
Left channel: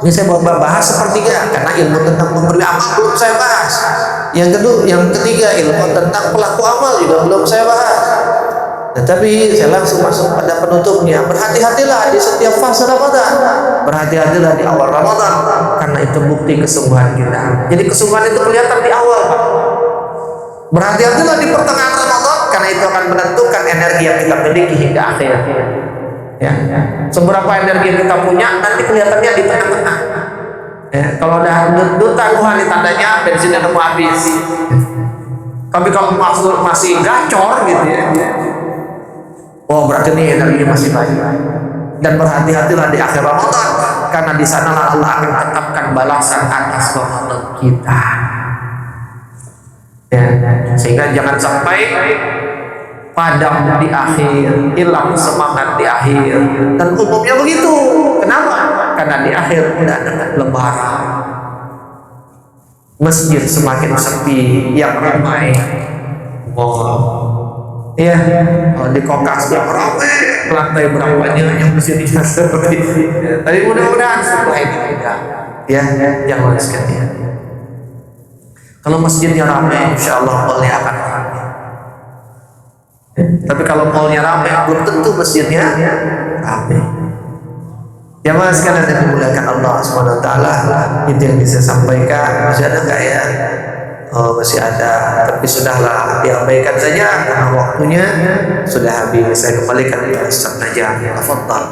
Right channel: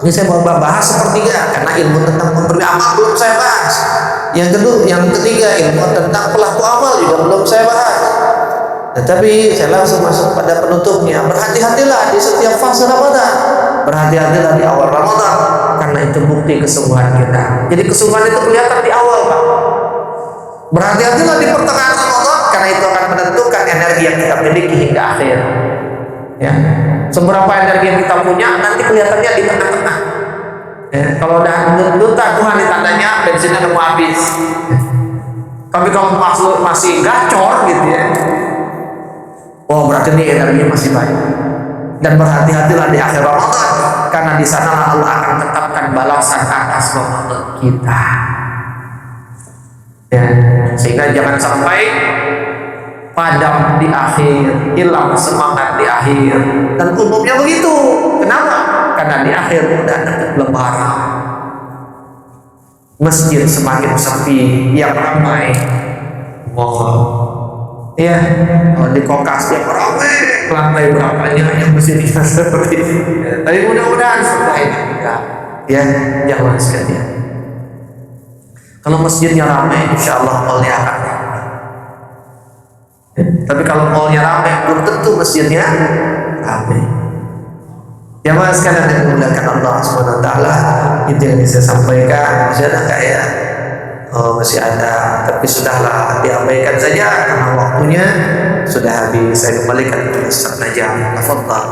Ini saya mau bahas sepertiga karena ilmu tentang pemberi amal belum saya bahas. Yang ketiga ilmu tentang pelaku amal juga belum saya bahas. Tetapi saya langsung masuk pada penutupnya. Berhati-hatilah di setiap fase Ramadan. Berhati-hatilah di awal Ramadan karena itu bukti kesungguhan kita. Jadi kesungguhan itu kelihatan di awal, Pak. Berhati-hatilah di pertengahan Ramadan karena itu akan menentukan energi yang kita miliki hingga akhir. Ya. Seberapa energi yang kita punya nanti kelihatannya di tengah-tengah. Ya. Kalau udah duta Tuhan di tandanya bensinnya udah mau habis. Ya. Tapi kalau masih gacor gitu ya, berarti ini energinya masih banyak. Dan berhati-hatilah di akhir Ramadan karena di sanalah Allah akan tetapkan balasan atas Ramadan kita. Ya, sehingga jangan sampai padam di akhir, hilang semangat di akhir. Dan umumnya begitu. Kenapa? Karena di akhir udah dekat lebaran. Masjid semakin sepi, yang ramai mall. Ya, di Kokas yang ramai, lantai berapanya yang masjidnya seperti. Tapi mudah-mudahan setelah ini tidak. Ya, jangan sekalian. Kalau masjidnya ramai, insya Allah mallnya akan ramai. Tapi kalau mallnya ramai, belum tentu masjidnya ramai. Jamaah sekalian yang dimuliakan Allah Subhanahu wa taala, itu yang bisa sampaikan. Masih ada enggak ya? Oh, masih ada, tapi sudahlah diabaikan saja karena waktunya sudah habis. Saya kembalikan kepada Ustaz Najam. Tafadhal.